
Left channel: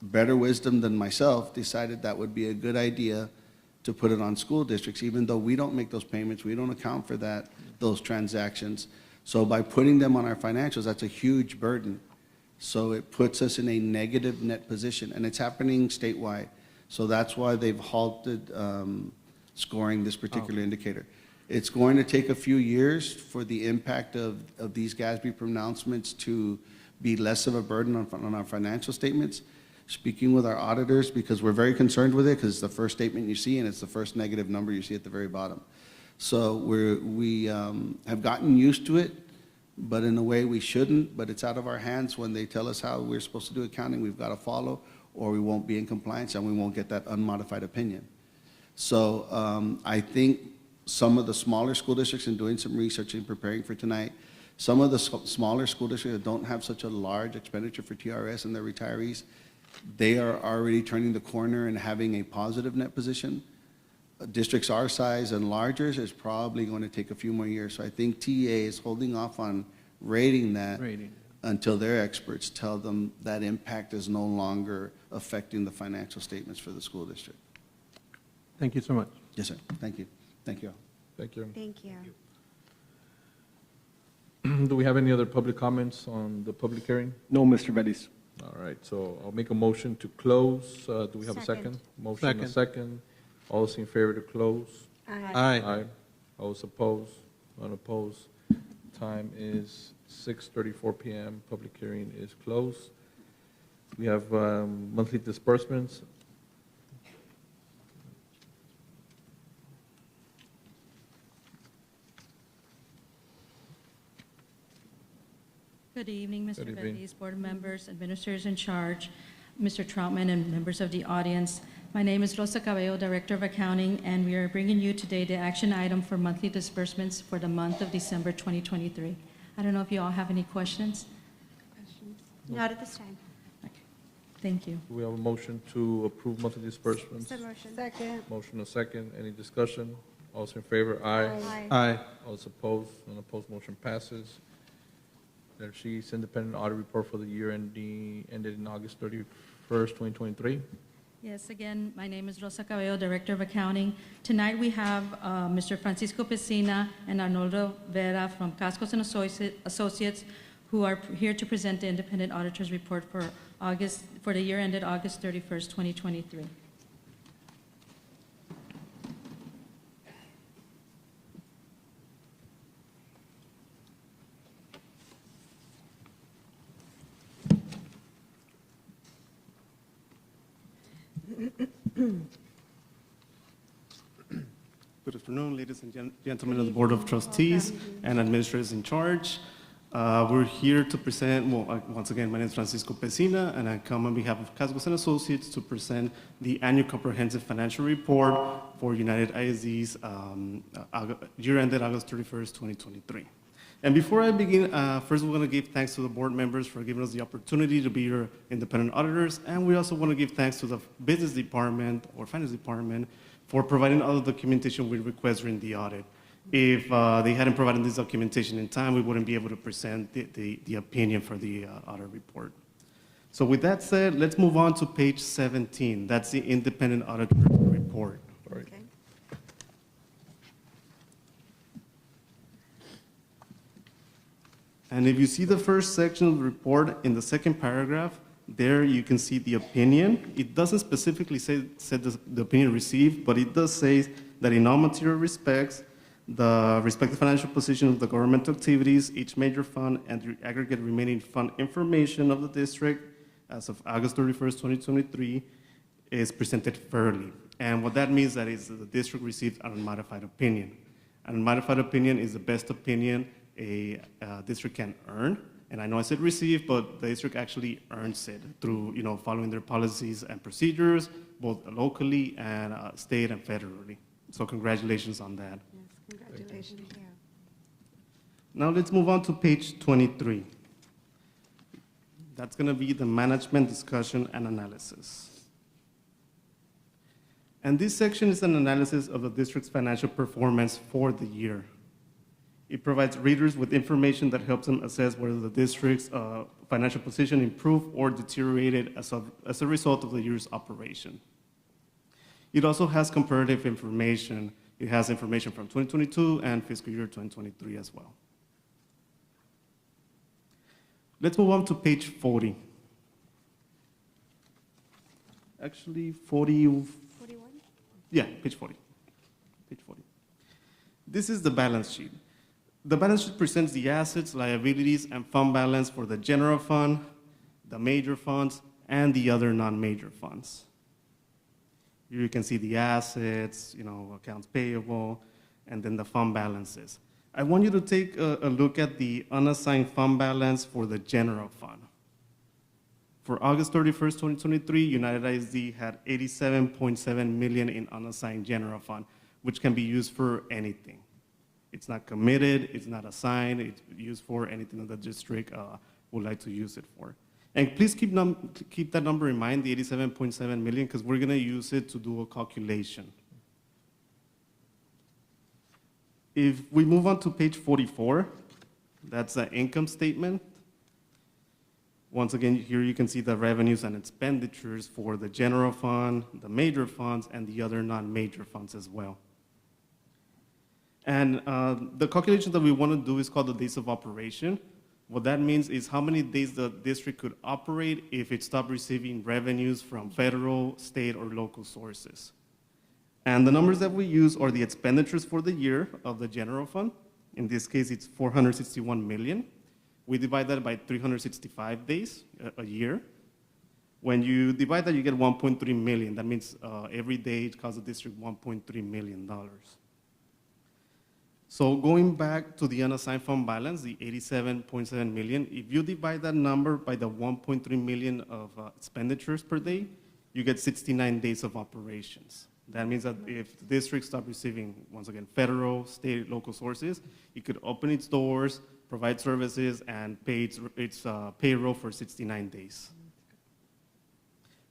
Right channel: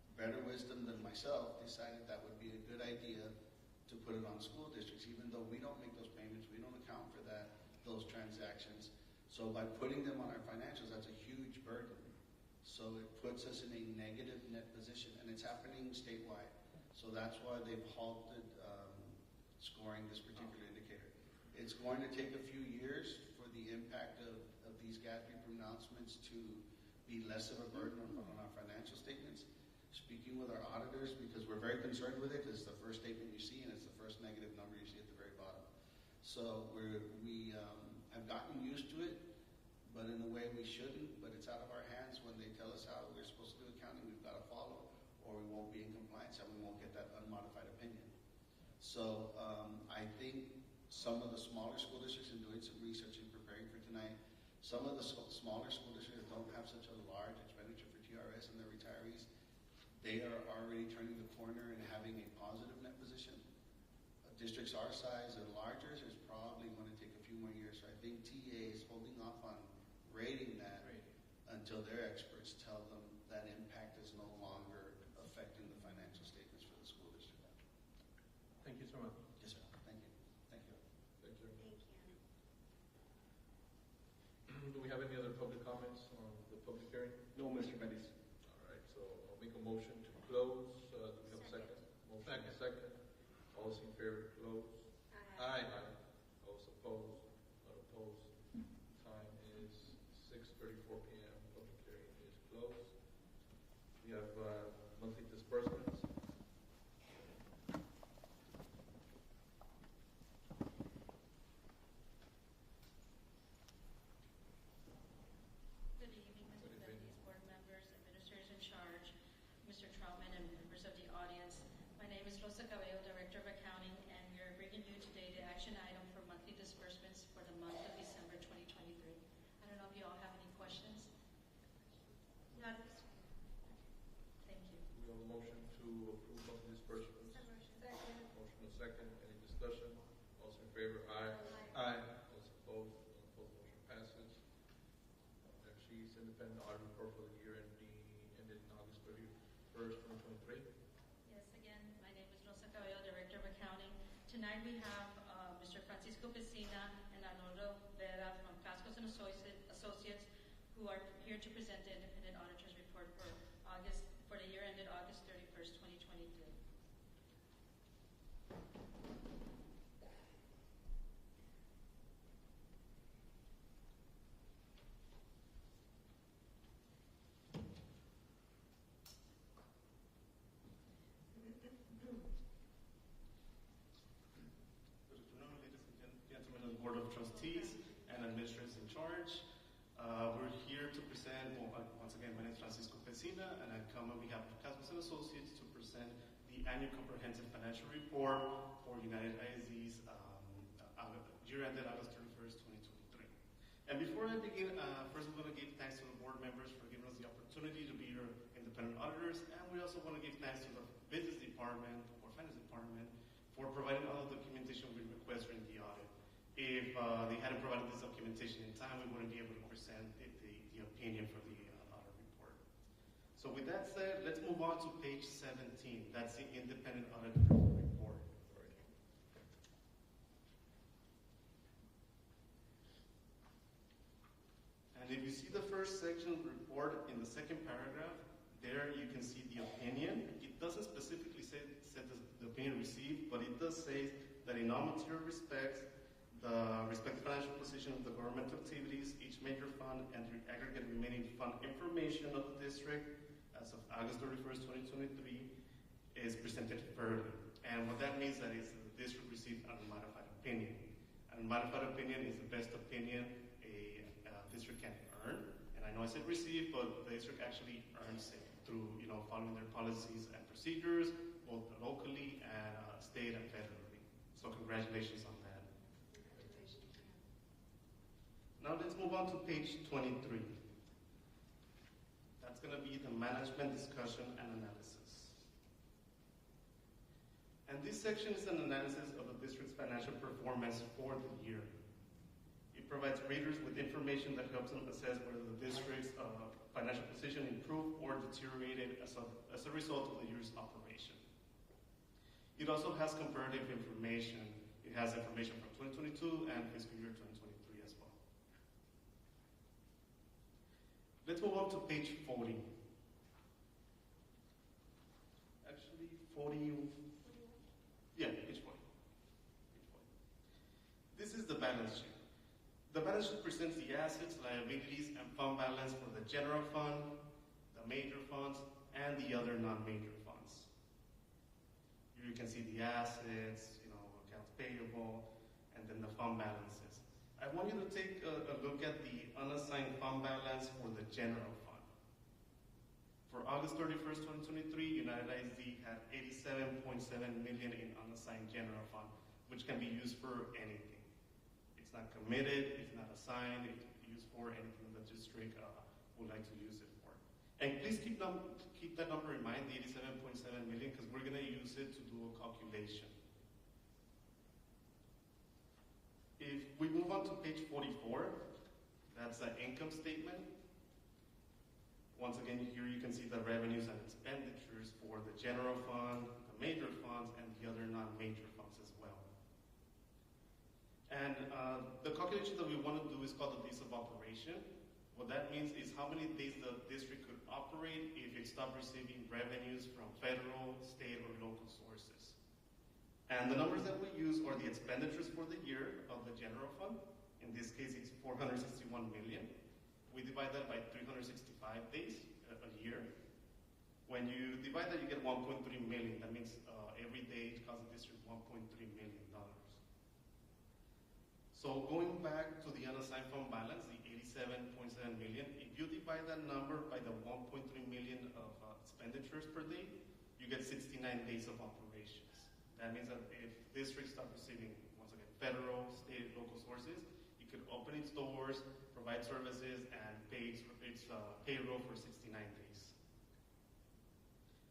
better wisdom than myself decided that would be a good idea to put it on school districts, even though we don't make those payments, we don't account for those transactions. So by putting them on our financials, that's a huge burden. So it puts us in a negative net position, and it's happening statewide. So that's why they've halted scoring this particular indicator. It's going to take a few years for the impact of these GASB pronouncements to be less of a burden on our financial statements. Speaking with our auditors, because we're very concerned with it, because it's the first statement you see, and it's the first negative number you see at the very bottom. So we have gotten used to it, but in a way we shouldn't, but it's out of our hands. When they tell us how we're supposed to do accounting, we've got to follow, or we won't be in compliance and we won't get that unmodified opinion. So I think some of the smaller school districts, in doing some research and preparing for tonight, some of the smaller school districts that don't have such a large expenditure for TRS and their retirees, they are already turning the corner and having a positive net position. Districts our size and larger is probably going to take a few more years. So I think TA is holding off on rating that until their experts tell them that impact is no longer affecting the financial statements for the school district. Thank you so much. Yes, sir. Thank you. Thank you all. Thank you. Thank you. Do we have any other public comments on the public hearing? No, Mr. Bellis. All right, so I'll make a motion to close. Do we have a second? Second. Motion and a second. All those in favor to close? Aye. Aye. All those opposed? None opposed. Time is 6:34 p.m. Public hearing is closed. We have monthly disbursements. Good evening, Mr. Good evening. Bellis, board members, administrators in charge, Mr. Troutman, and members of the audience. My name is Rosa Cabello, Director of Accounting, and we are bringing you today the action item for monthly disbursements for the month of December 2023. I don't know if you all have any questions. Not at this time. Thank you. We have a motion to approve monthly disbursements. Said motion. Second. Motion a second. Any discussion? All those in favor? Aye. Aye. All those opposed? None opposed. Motion passes. There she's independent audit report for the year ended in August 31st, 2023. Yes, again, my name is Rosa Cabello, Director of Accounting. Tonight we have Mr. Francisco Pesina and Arnoldo Vera from Cascos and Associates, who are here to present the independent auditor's report for the year ended August 31st, 2023. Good afternoon, ladies and gentlemen of the Board of Trustees and administrators in charge. We're here to present, once again, my name is Francisco Pesina, and I come on behalf of Cascos and Associates to present the annual comprehensive financial report for United ISD's year ended August 31st, 2023. And before I begin, first we want to give thanks to the board members for giving us the opportunity to be your independent auditors, and we also want to give thanks to the business department or finance department for providing all the documentation we request during the audit. If they hadn't provided this documentation in time, we wouldn't be able to present the opinion for the audit report. So with that said, let's move on to page 17. That's the independent auditor report. Okay. And if you see the first section of the report in the second paragraph, there you can see the opinion. It doesn't specifically say the opinion received, but it does say that in all material respects, the respective financial position of the governmental activities, each major fund, and the aggregate remaining fund information of the district as of August 31st, 2023 is presented fairly. And what that means is that the district received an unmodified opinion. An unmodified opinion is the best opinion a district can earn. And I know I said receive, but the district actually earns it through following their policies and procedures, both locally and state and federally. So congratulations on that. Congratulations. Now let's move on to page 23. That's going to be the management discussion and analysis. And this section is an analysis of the district's financial performance for the year. It provides readers with information that helps them assess whether the district's financial position improved or deteriorated as a result of the year's operation. It also has comparative information. It has information from 2022 and fiscal year 2023 as well. Let's move on to page 40. Actually, 41? Yeah, page 40. Page 40. This is the balance sheet. The balance sheet presents the assets, liabilities, and fund balance for the general fund, the major funds, and the other non-major funds. Here you can see the assets, accounts payable, and then the fund balances. I want you to take a look at the unassigned fund balance for the general fund. For August 31st, 2023, United ISD had $87.7 million in unassigned general fund, which can be used for anything. It's not committed, it's not assigned, it's used for anything that the district would like to use it for. And please keep that number in mind, the $87.7 million, because we're gonna use it to do a calculation. If we move on to page 44, that's the income statement. Once again, here you can see the revenues and expenditures for the general fund, the major funds, and the other non-major funds as well. And the calculation that we want to do is called the days of operation. What that means is how many days the district could operate if it stopped receiving revenues from federal, state, or local sources. And the numbers that we use are the expenditures for the year of the general fund. In this case, it's $461 million. We divide that by 365 days a year. When you divide that, you get 1.3 million. That means every day it costs the district $1.3 million. So going back to the unassigned fund balance, the 87.7 million, if you divide that number by the 1.3 million of expenditures per day, you get 69 days of operations. That means that if the district stopped receiving, once again, federal, state, local sources, it could open its doors, provide services, and pay its payroll for 69 days.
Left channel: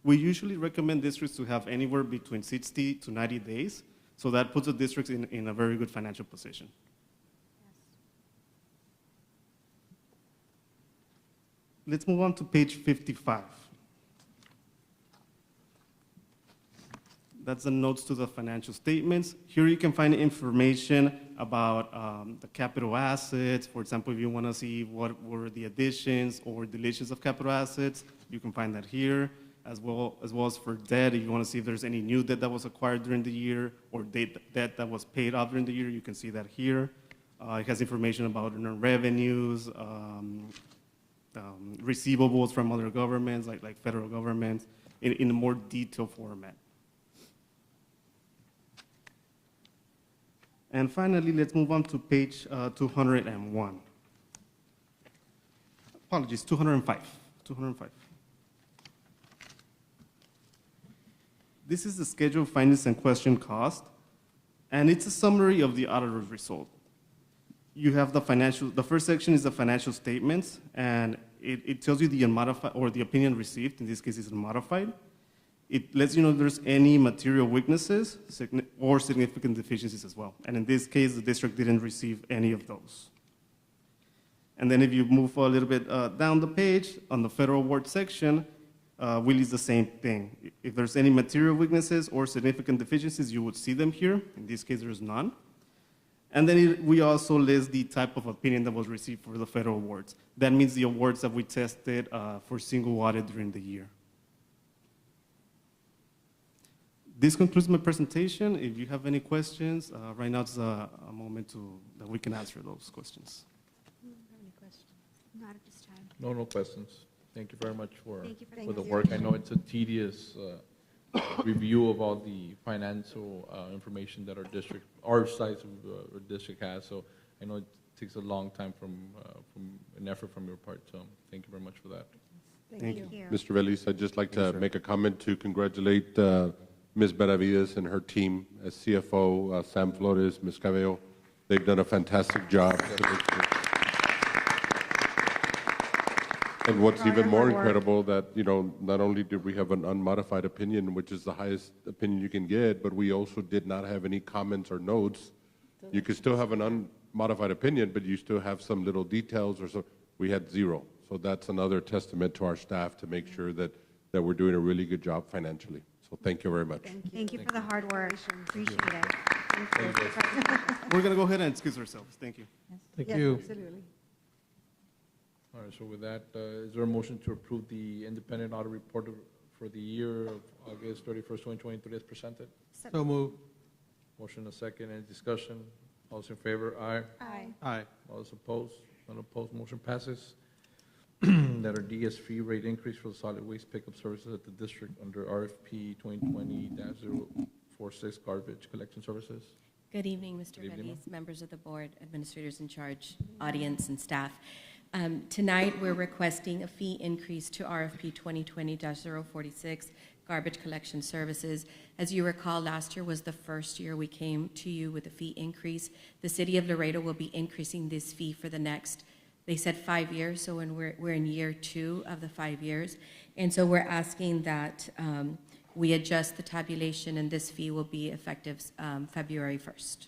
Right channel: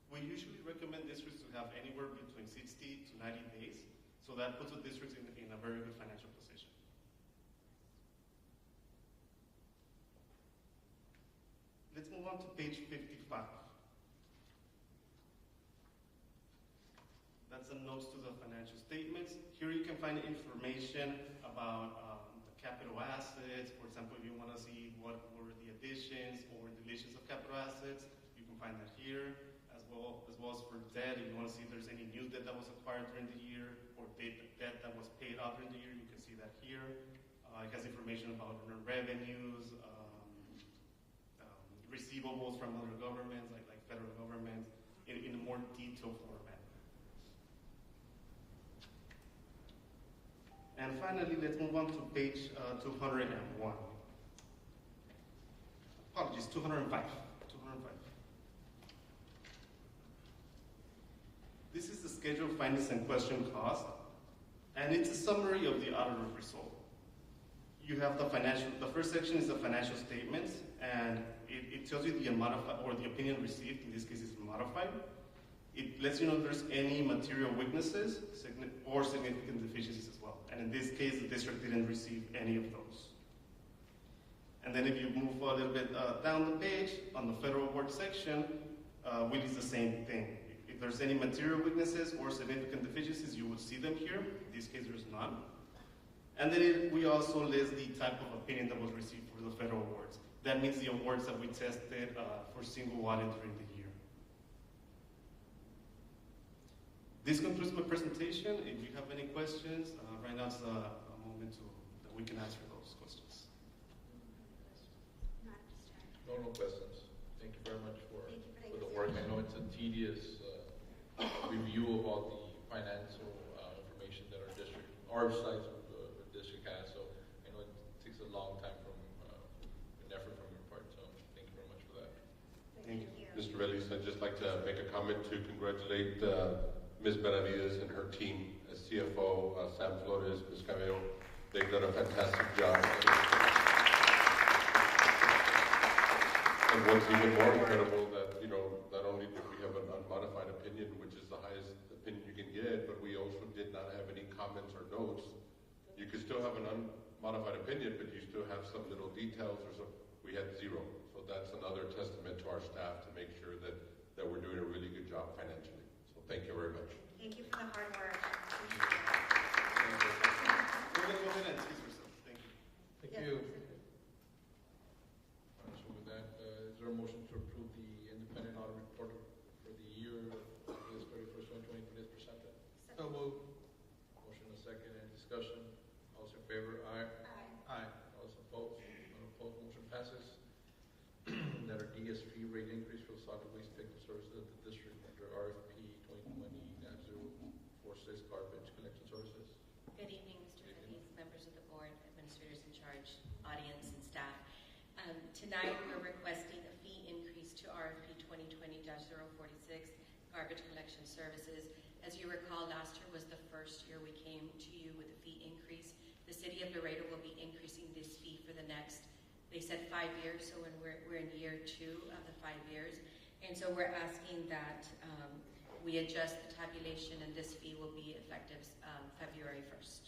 We usually recommend districts to have anywhere between 60 to 90 days. So that puts the districts in a very good financial position. Let's move on to page 55. That's the notes to the financial statements. Here you can find information about the capital assets. For example, if you want to see what were the additions or deletions of capital assets, you can find that here. As well as for debt, if you want to see if there's any new debt that was acquired during the year or debt that was paid off during the year, you can see that here. It has information about revenues, receivables from other governments, like federal governments, in a more detailed format. And finally, let's move on to page 201. Apologies, 205. 205. This is the scheduled findings and question cost, and it's a summary of the auditor's result. You have the first section is the financial statements, and it tells you the unmodified, or the opinion received, in this case is unmodified. It lets you know if there's any material weaknesses or significant deficiencies as well. And in this case, the district didn't receive any of those. And then if you move a little bit down the page, on the federal award section, we list the same thing. If there's any material weaknesses or significant deficiencies, you would see them here. In this case, there's none. And then we also list the type of opinion that was received for the federal awards. That means the awards that we tested for single audit during the year. This concludes my presentation. If you have any questions, right now is a moment that we can answer those questions. Not at this time. No questions. Thank you very much for the you. work. I know it's a tedious review of all the financial information that our size of the district has. So I know it takes a long time from an effort from your part. So thank you very much for that. Thank you. Mr. Veliz, I'd just like to make a comment to congratulate Ms. Benavides and her team as CFO, Sam Flores, Ms. Cabello. They've done a fantastic job. And what's even more incredible that, you know, not only did we have an unmodified opinion, which is the highest opinion you can get, but we also did not have any comments or notes. You could still have an unmodified opinion, but you still have some little details or so. We had zero. So that's another testament to our staff to make sure that we're doing a really good job financially. So thank you very much. Thank you for the hard work. Appreciate it. We're going to go ahead and excuse ourselves. Thank you. Thank Yes, you. absolutely. All right, so with that, is there a motion to approve the independent audit report for the year of August 31st, 2023 as presented? So move. Motion a second, any discussion? All those in favor, aye. Aye. Aye. All those opposed? None opposed, motion passes. Letter D is fee rate increase for the solid waste pickup services at the district under RFP 2020-046 garbage collection services. Good evening, Mr. Good evening, Veliz, members of the board, administrators in charge, audience, and staff. Tonight, we're requesting a fee increase to RFP 2020-046 garbage collection services. As you recall, last year was the first year we came to you with a fee increase. The city of Laredo will be increasing this fee for the next, they said 5 years, so we're in year 2 of the 5 years. And so we're asking that we adjust the tabulation, and this fee will be effective February 1st.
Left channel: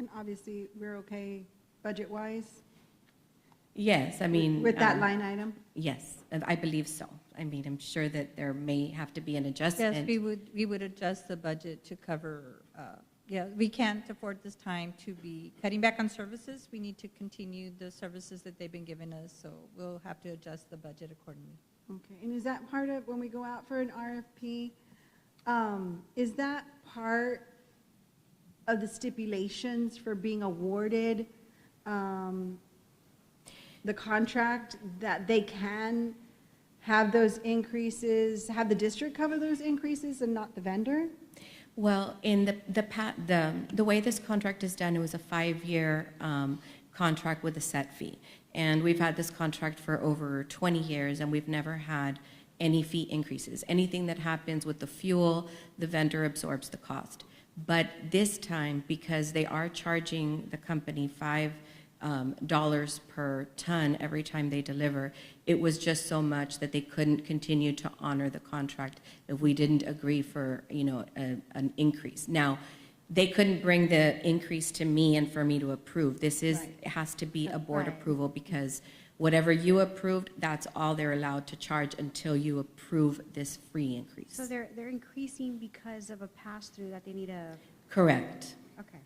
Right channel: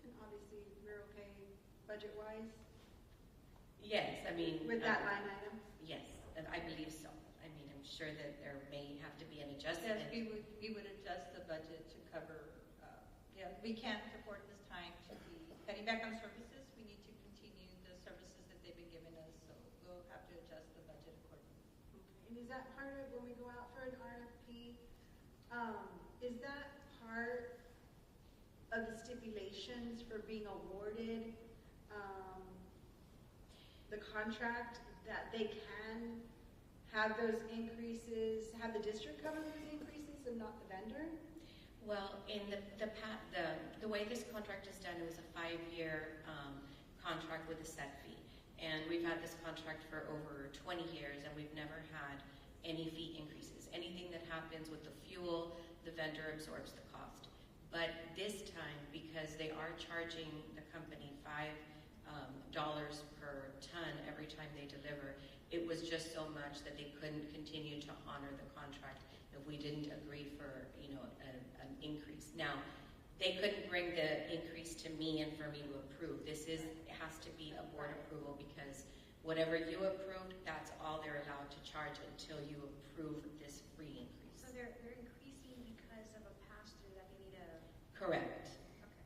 And obviously, we're okay budget-wise? Yes, I mean. With that line item? Yes, I believe so. I mean, I'm sure that there may have to be an adjustment. Yes, we would adjust the budget to cover, yeah, we can't afford this time to be cutting back on services. We need to continue the services that they've been giving us, so we'll have to adjust the budget accordingly. Okay, and is that part of, when we go out for an RFP, is that part of the stipulations for being awarded the contract, that they can have those increases, have the district cover those increases and not the vendor? Well, in the way this contract is done, it was a 5-year contract with a set fee. And we've had this contract for over 20 years, and we've never had any fee increases. Anything that happens with the fuel, the vendor absorbs the cost. But this time, because they are charging the company $5 per ton every time they deliver, it was just so much that they couldn't continue to honor the contract if we didn't agree for, you know, an increase. Now, they couldn't bring the increase to me and for me to approve. This is, it has to be a board approval, because whatever you approved, that's all they're allowed to charge until you approve this free increase. So they're increasing because of a pass-through that they need a... Correct. Okay.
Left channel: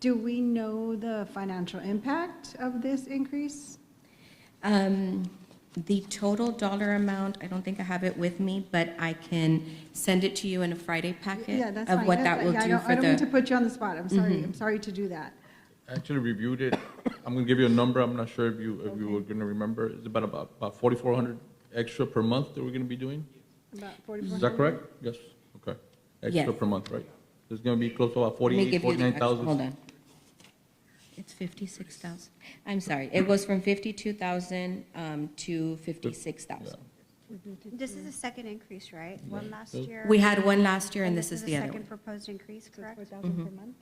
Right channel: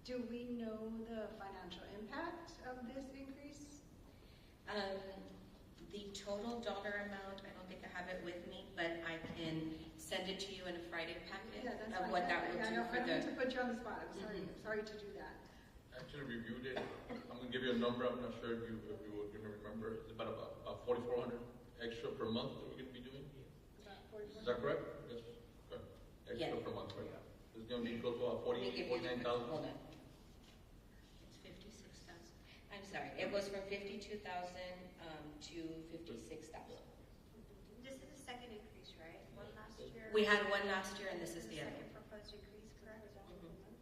Do we know the financial impact of this increase? The total dollar amount, I don't think I have it with me, but I can send it to you in a Friday packet Yeah, that's of fine. what that will do for the... I don't mean to put you on the spot. I'm sorry. I'm sorry to do that. I actually reviewed it. I'm gonna give you a number. I'm not sure if you were gonna remember. It's about 4,400 extra per month that we're gonna be doing. About 4,400? Is that correct? Yes. Okay. Extra Yes. per month, right? It's gonna be close to about Let me give you the 49,000. hold on. It's 56,000. I'm sorry, it goes from 52,000 to 56,000. This is the second increase, right? One last year. We had one last year, and this is the other second one. proposed increase, correct? 4,000 per month?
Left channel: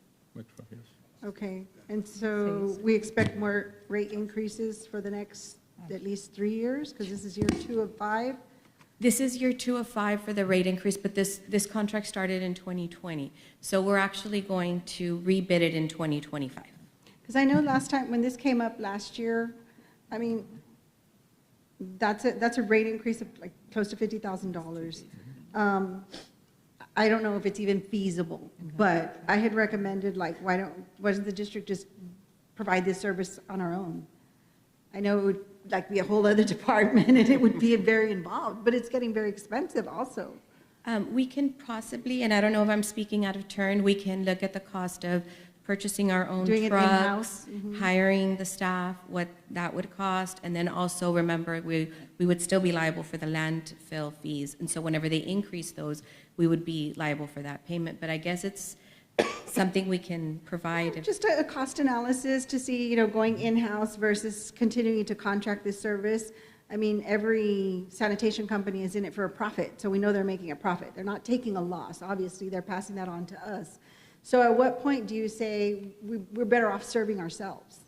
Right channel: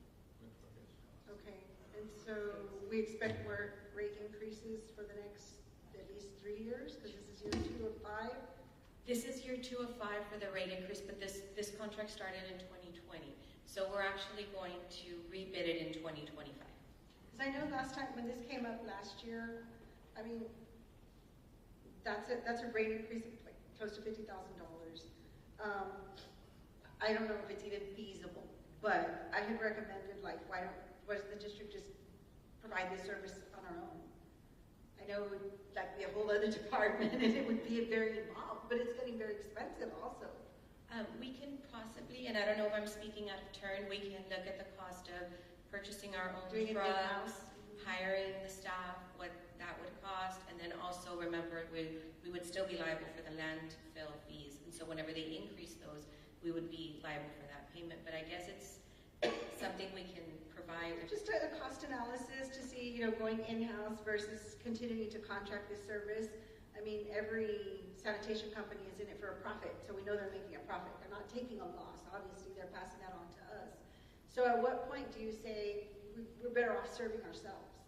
Okay, and so we expect more rate increases for the next at least 3 years, because this is year 2 of 5? This is year 2 of 5 for the rate increase, but this contract started in 2020. So we're actually going to rebid it in 2025. Because I know last time, when this came up last year, I mean, that's a rate increase of like close to $50,000. I don't know if it's even feasible, but I had recommended, like, why doesn't the district just provide this service on our own? I know it would like be a whole other department and it would be very involved, but it's getting very expensive also. We can possibly, and I don't know if I'm speaking out of turn, we can look at the cost of purchasing our own Doing it trucks, in-house? hiring the staff, what that would cost, and then also remember we would still be liable for the landfill fees, and so whenever they increase those, we would be liable for that payment. But I guess it's something we can provide. Just a cost analysis to see, you know, going in-house versus continuing to contract this service. I mean, every sanitation company is in it for a profit, so we know they're making a profit. They're not taking a loss. Obviously, they're passing that on to us. So at what point do you say we're better off serving ourselves?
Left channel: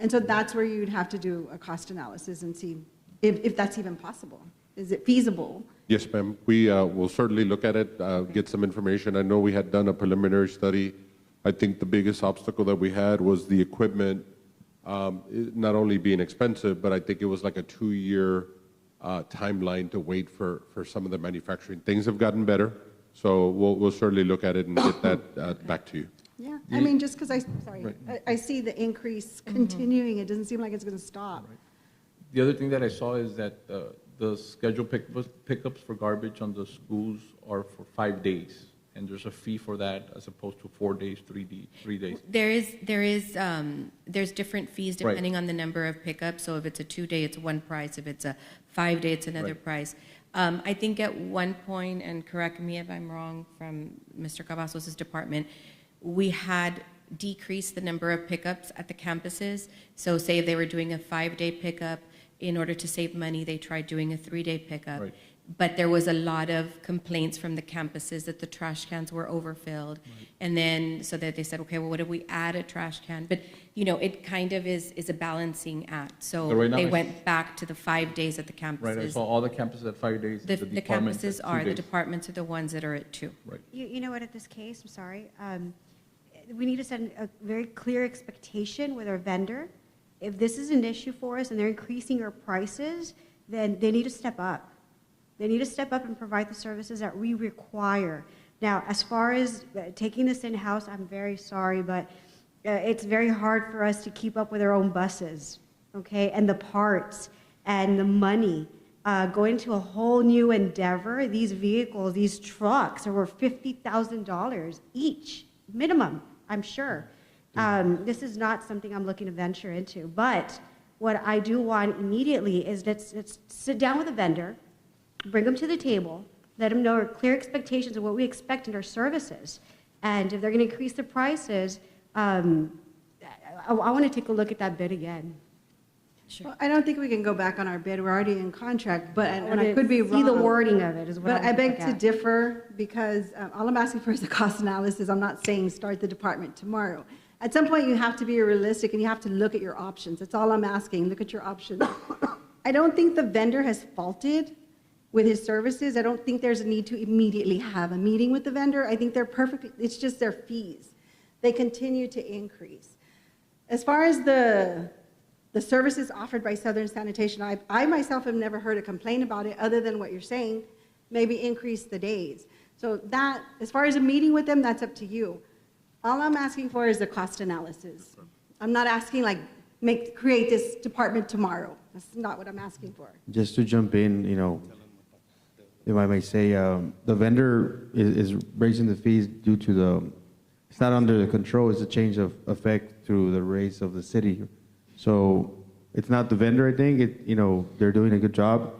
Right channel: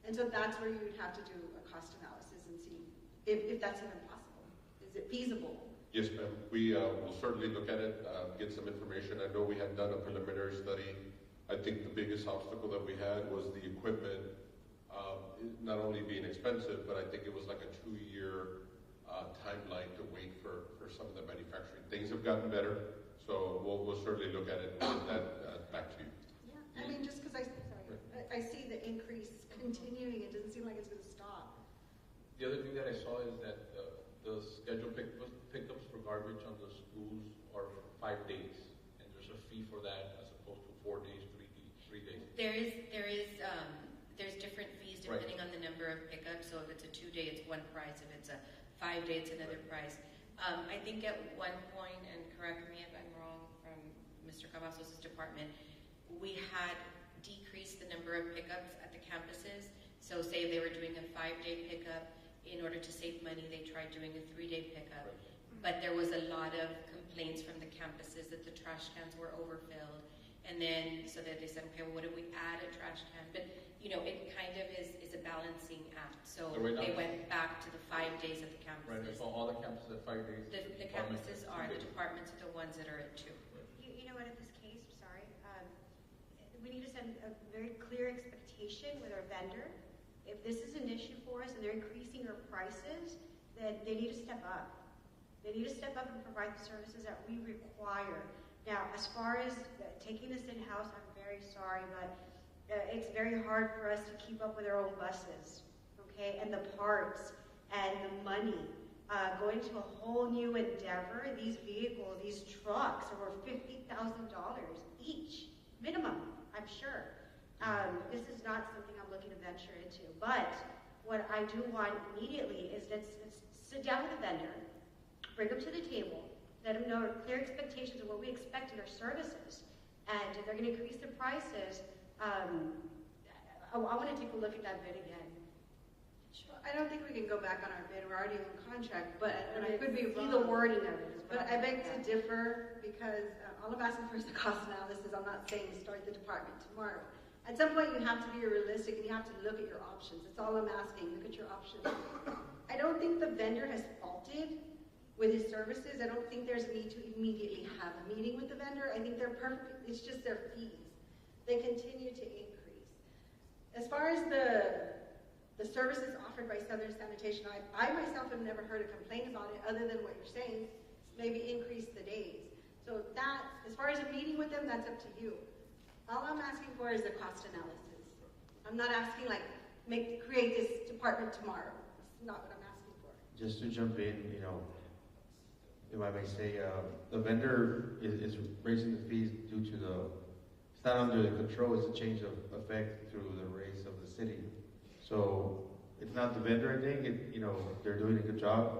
And so that's where you'd have to do a cost analysis and see if that's even possible. Is it feasible? Yes, ma'am. We will certainly look at it, get some information. I know we had done a preliminary study. I think the biggest obstacle that we had was the equipment not only being expensive, but I think it was like a 2-year timeline to wait for some of the manufacturing. Things have gotten better, so we'll certainly look at it and get that back to you. Yeah, I mean, just because I see the increase continuing, it doesn't seem like it's going to stop. The other thing that I saw is that the scheduled pickups for garbage on the schools are for 5 days, and there's a fee for that as opposed to 4 days, 3 days. There's different fees depending on the number of pickups. So if it's a 2-day, it's one price. If it's a 5-day, it's another price. I think at one point, and correct me if I'm wrong, from Mr. Cavazos' department, we had decreased the number of pickups at the campuses. So say if they were doing a 5-day pickup, in order to save money, they tried doing a 3-day pickup. Right. But there was a lot of complaints from the campuses that the trash cans were overfilled. And then, so that they said, okay, well, what if we add a trash can? But, you know, it kind of is a balancing act. So right now they went back to the 5 days at the campuses. Right, I saw all the campuses at 5 days. The departments campuses at 2 are, the days. departments are the ones that are at 2. Right. You know what, at this case, I'm sorry, we need to set a very clear expectation with our vendor. If this is an issue for us and they're increasing our prices, then they need to step up. They need to step up and provide the services that we require. Now, as far as taking this in-house, I'm very sorry, but it's very hard for us to keep up with our own buses, okay? And the parts and the money. Going to a whole new endeavor, these vehicles, these trucks are worth $50,000 each, minimum, I'm sure. This is not something I'm looking to venture into, but what I do want immediately is let's sit down with the vendor, bring them to the table, let them know our clear expectations of what we expect in our services. And if they're going to increase the prices, I want to take a look at that bid again. Sure. Well, I don't think we can go back on our bid. We're already in contract, but and I could be wrong. See the wording of it is what But I'm I beg looking to at. differ because all I'm asking for is a cost analysis. I'm not saying start the department tomorrow. At some point, you have to be realistic and you have to look at your options. That's all I'm asking. Look at your options. I don't think the vendor has faulted with his services. I don't think there's a need to immediately have a meeting with the vendor. I think they're perfect. It's just their fees. They continue to increase. As far as the services offered by Southern Sanitation, I myself have never heard a complaint about it other than what you're saying, maybe increase the days. So that, as far as a meeting with them, that's up to you. All I'm asking for is a cost analysis. I'm not asking like create this department tomorrow. That's not what I'm asking for. Just to jump in, you know, if I may say, the vendor is raising the fees due to it's not under the control, it's a change of effect through the raise of the city. So it's not the vendor, I think, you know, they're doing a good job.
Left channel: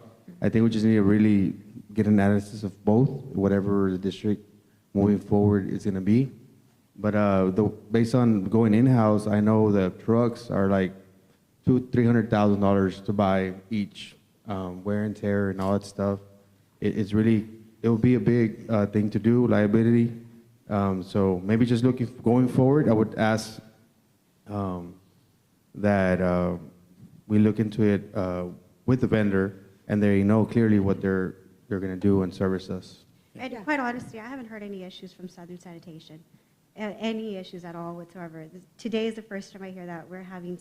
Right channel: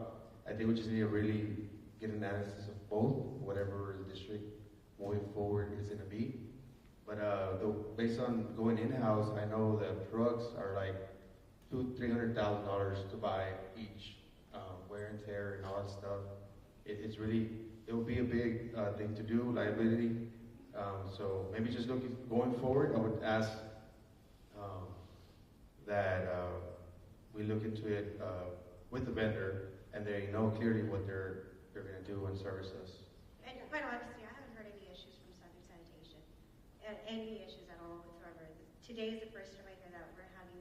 I think we just need to really get an analysis of both, whatever the district moving forward is gonna be. But based on going in-house, I know the trucks are like $200,000-$300,000 to buy each, wear and tear and all that stuff. It's really, it will be a big thing to do, liability. So maybe just going forward, I would ask that we look into it with the vendor, and they know clearly what they're going to do and service us. And quite honestly, I haven't heard any issues from Southern Sanitation, any issues at all whatsoever. Today is the first time I hear that we're having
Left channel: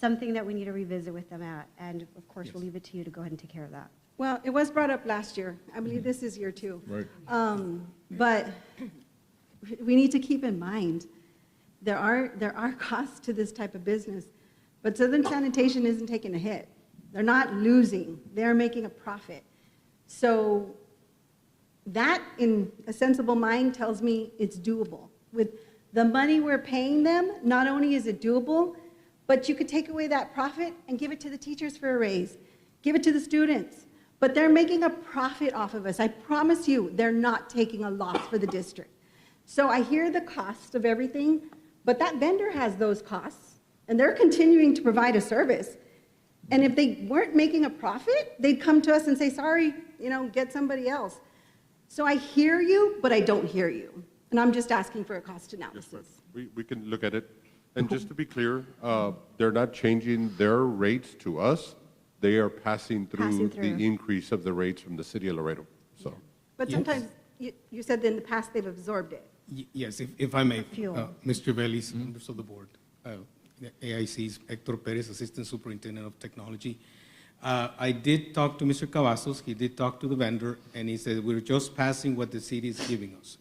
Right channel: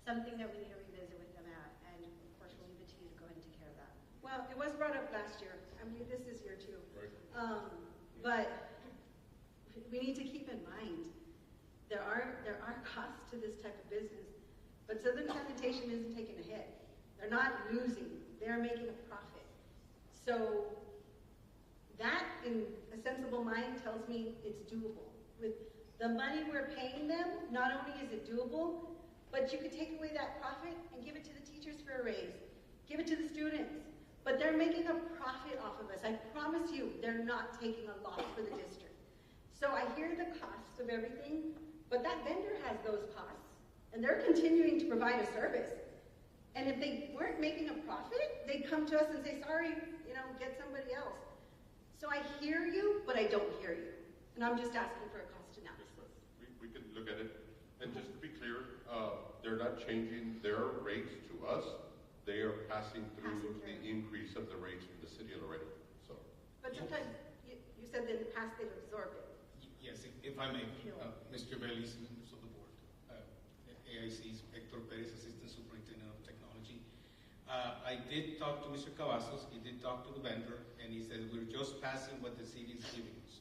something that we need to revisit with them at, and of course, we'll leave it to you to go ahead and take care of that. Well, it was brought up last year. I believe this is year 2. Right. But we need to keep in mind, there are costs to this type of business, but Southern Sanitation isn't taking a hit. They're not losing. They're making a profit. So that, in a sensible mind, tells me it's doable. With the money we're paying them, not only is it doable, but you could take away that profit and give it to the teachers for a raise, give it to the students. But they're making a profit off of us. I promise you, they're not taking a loss for the district. So I hear the cost of everything, but that vendor has those costs, and they're continuing to provide a service. And if they weren't making a profit, they'd come to us and say, sorry, get somebody else. So I hear you, but I don't hear you. And I'm just asking for a cost analysis. We can look at it. And just to be clear, they're not changing their rates to us. They are passing through the increase of the rates from the city of Laredo. So. But sometimes, you said that in the past they've absorbed it. Yes, if I may, Fuel. Mr. Vélez, members of the board, the AIC's Hector Perez, Assistant Superintendent of Technology. I did talk to Mr. Cavazos. He did talk to the vendor, and he said, we're just passing what the city is giving us.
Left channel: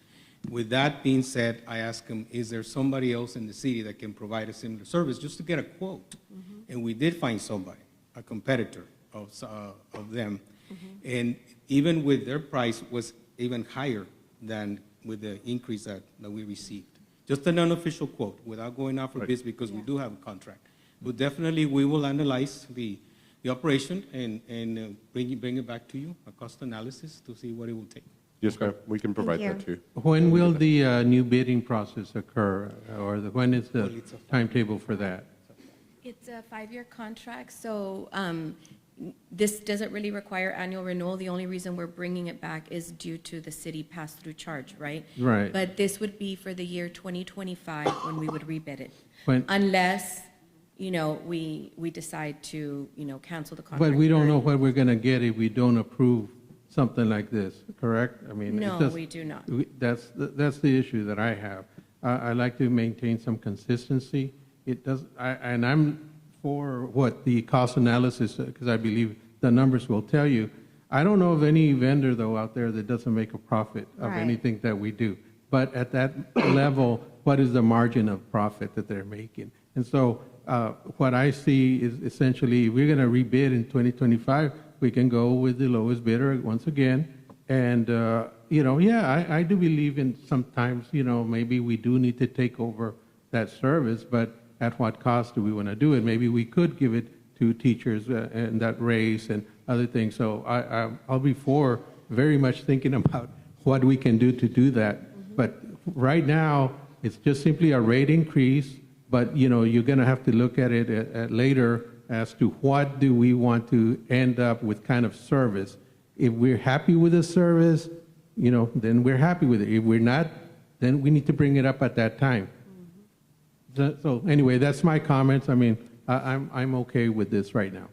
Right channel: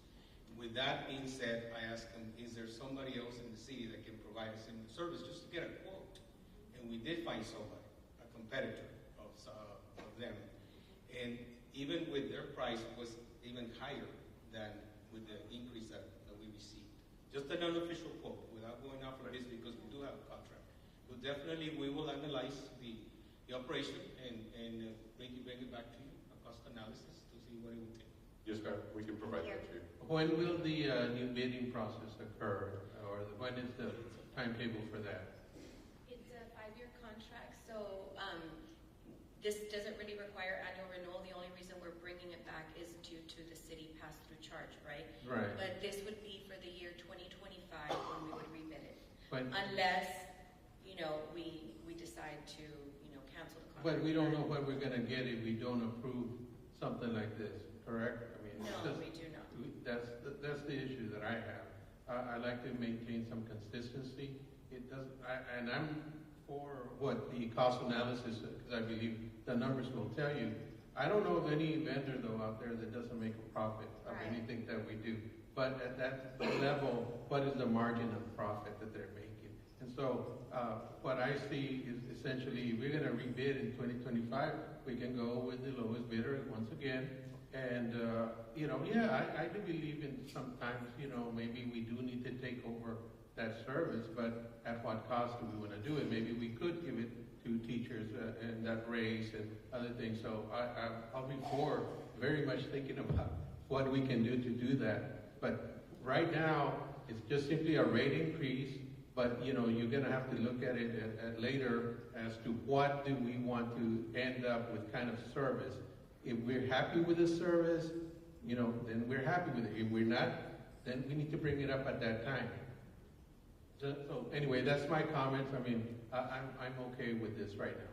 With that being said, I asked him, is there somebody else in the city that can provide a similar service just to get a quote? And we did find somebody, a competitor of them. And even with their price was even higher than with the increase that we received. Just an unofficial quote without going out for bids because we do have a contract. But definitely we will analyze the operation and bring it back to you, a cost analysis to see what it will take. Yes, ma'am. We can provide that to you. When will the new bidding process occur, or when is the timetable for that? It's a 5-year contract, so this doesn't really require annual renewal. The only reason we're bringing it back is due to the city pass-through charge, right? Right. But this would be for the year 2025 when we would rebid it. When, unless, we decide to, cancel the contract. but we don't know what we're going to get if we don't approve something like this, correct? I mean, no, we do not. That's the issue that I have. I like to maintain some consistency. It does, and I'm for what the cost analysis, because I believe the numbers will tell you. I don't know of any vendor, though, out there that doesn't make a profit of anything that we do. But at that level, what is the margin of profit that they're making? And so what I see is essentially, if we're going to rebid in 2025, we can go with the lowest bidder once again. And, I do believe in sometimes, maybe we do need to take over that service, but at what cost do we want to do it? Maybe we could give it to teachers and that raise and other things. So I'll be for very much thinking about what we can do to do that. But right now, it's just simply a rate increase, but you're going to have to look at it at later as to what do we want to end up with kind of service. If we're happy with the service, then we're happy with it. If we're not, then we need to bring it up at that time. So anyway, that's my comments. I mean, I'm okay with this right now.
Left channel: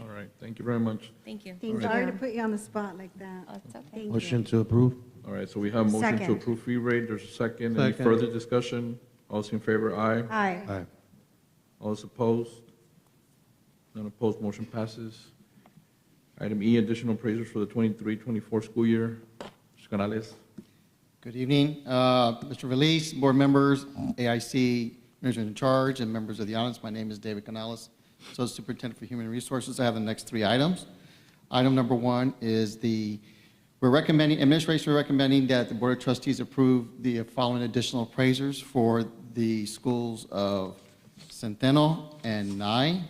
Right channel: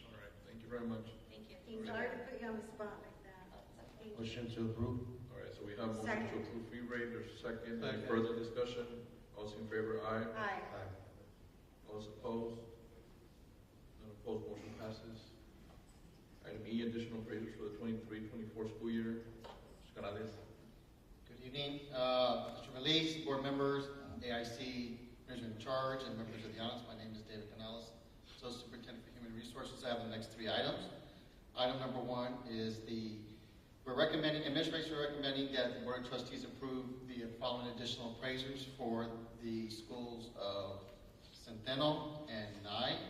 All right, thank you very much. Thank you. Sorry to put you on the spot like that. Oh, it's okay. Motion to approve. All right, so we have a motion to Second. approve fee rate. There's a second. Any Second. further discussion? All those in favor, aye. Aye. Aye. All those opposed? None opposed, motion passes. Item E, additional appraisers for the 23-24 school year. Mr. Canales. Good evening, Mr. Vélez, board members, AIC, Manager in Charge, and members of the audience. My name is David Canales, Associate Superintendent for Human Resources. I have the next 3 items. Item number 1 is administration recommending that the Board of Trustees approve the following additional appraisers for the schools of Centeno and Nye.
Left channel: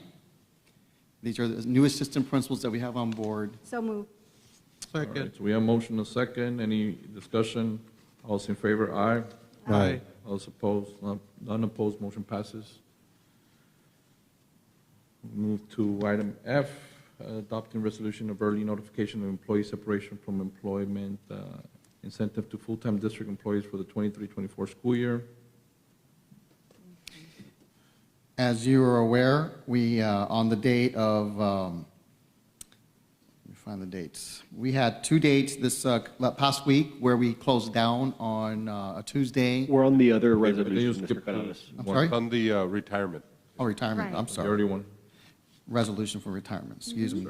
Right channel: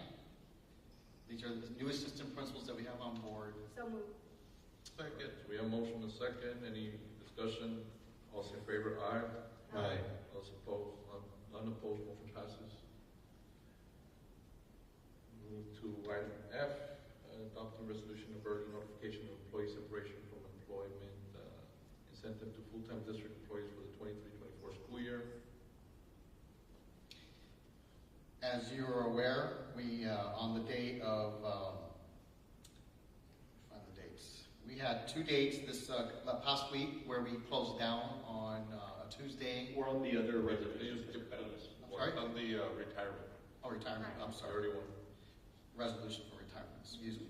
These are the new assistant principals that we have on board. So moved. All right, so we have a motion, a second. Any discussion? All those in favor, aye. Aye. All those opposed? None opposed, motion passes. Move to item F, adopting resolution of early notification of employee separation from employment incentive to full-time district employees for the 23-24 school year. As you are aware, we, on the date of, let me find the dates. We had 2 dates this past week where we closed down on a Tuesday. We're on the other Okay, resolution, but Mr. Canales. I'm sorry? On the retirement. Oh, retirement, I'm The sorry. early one. Resolution for retirement, excuse me.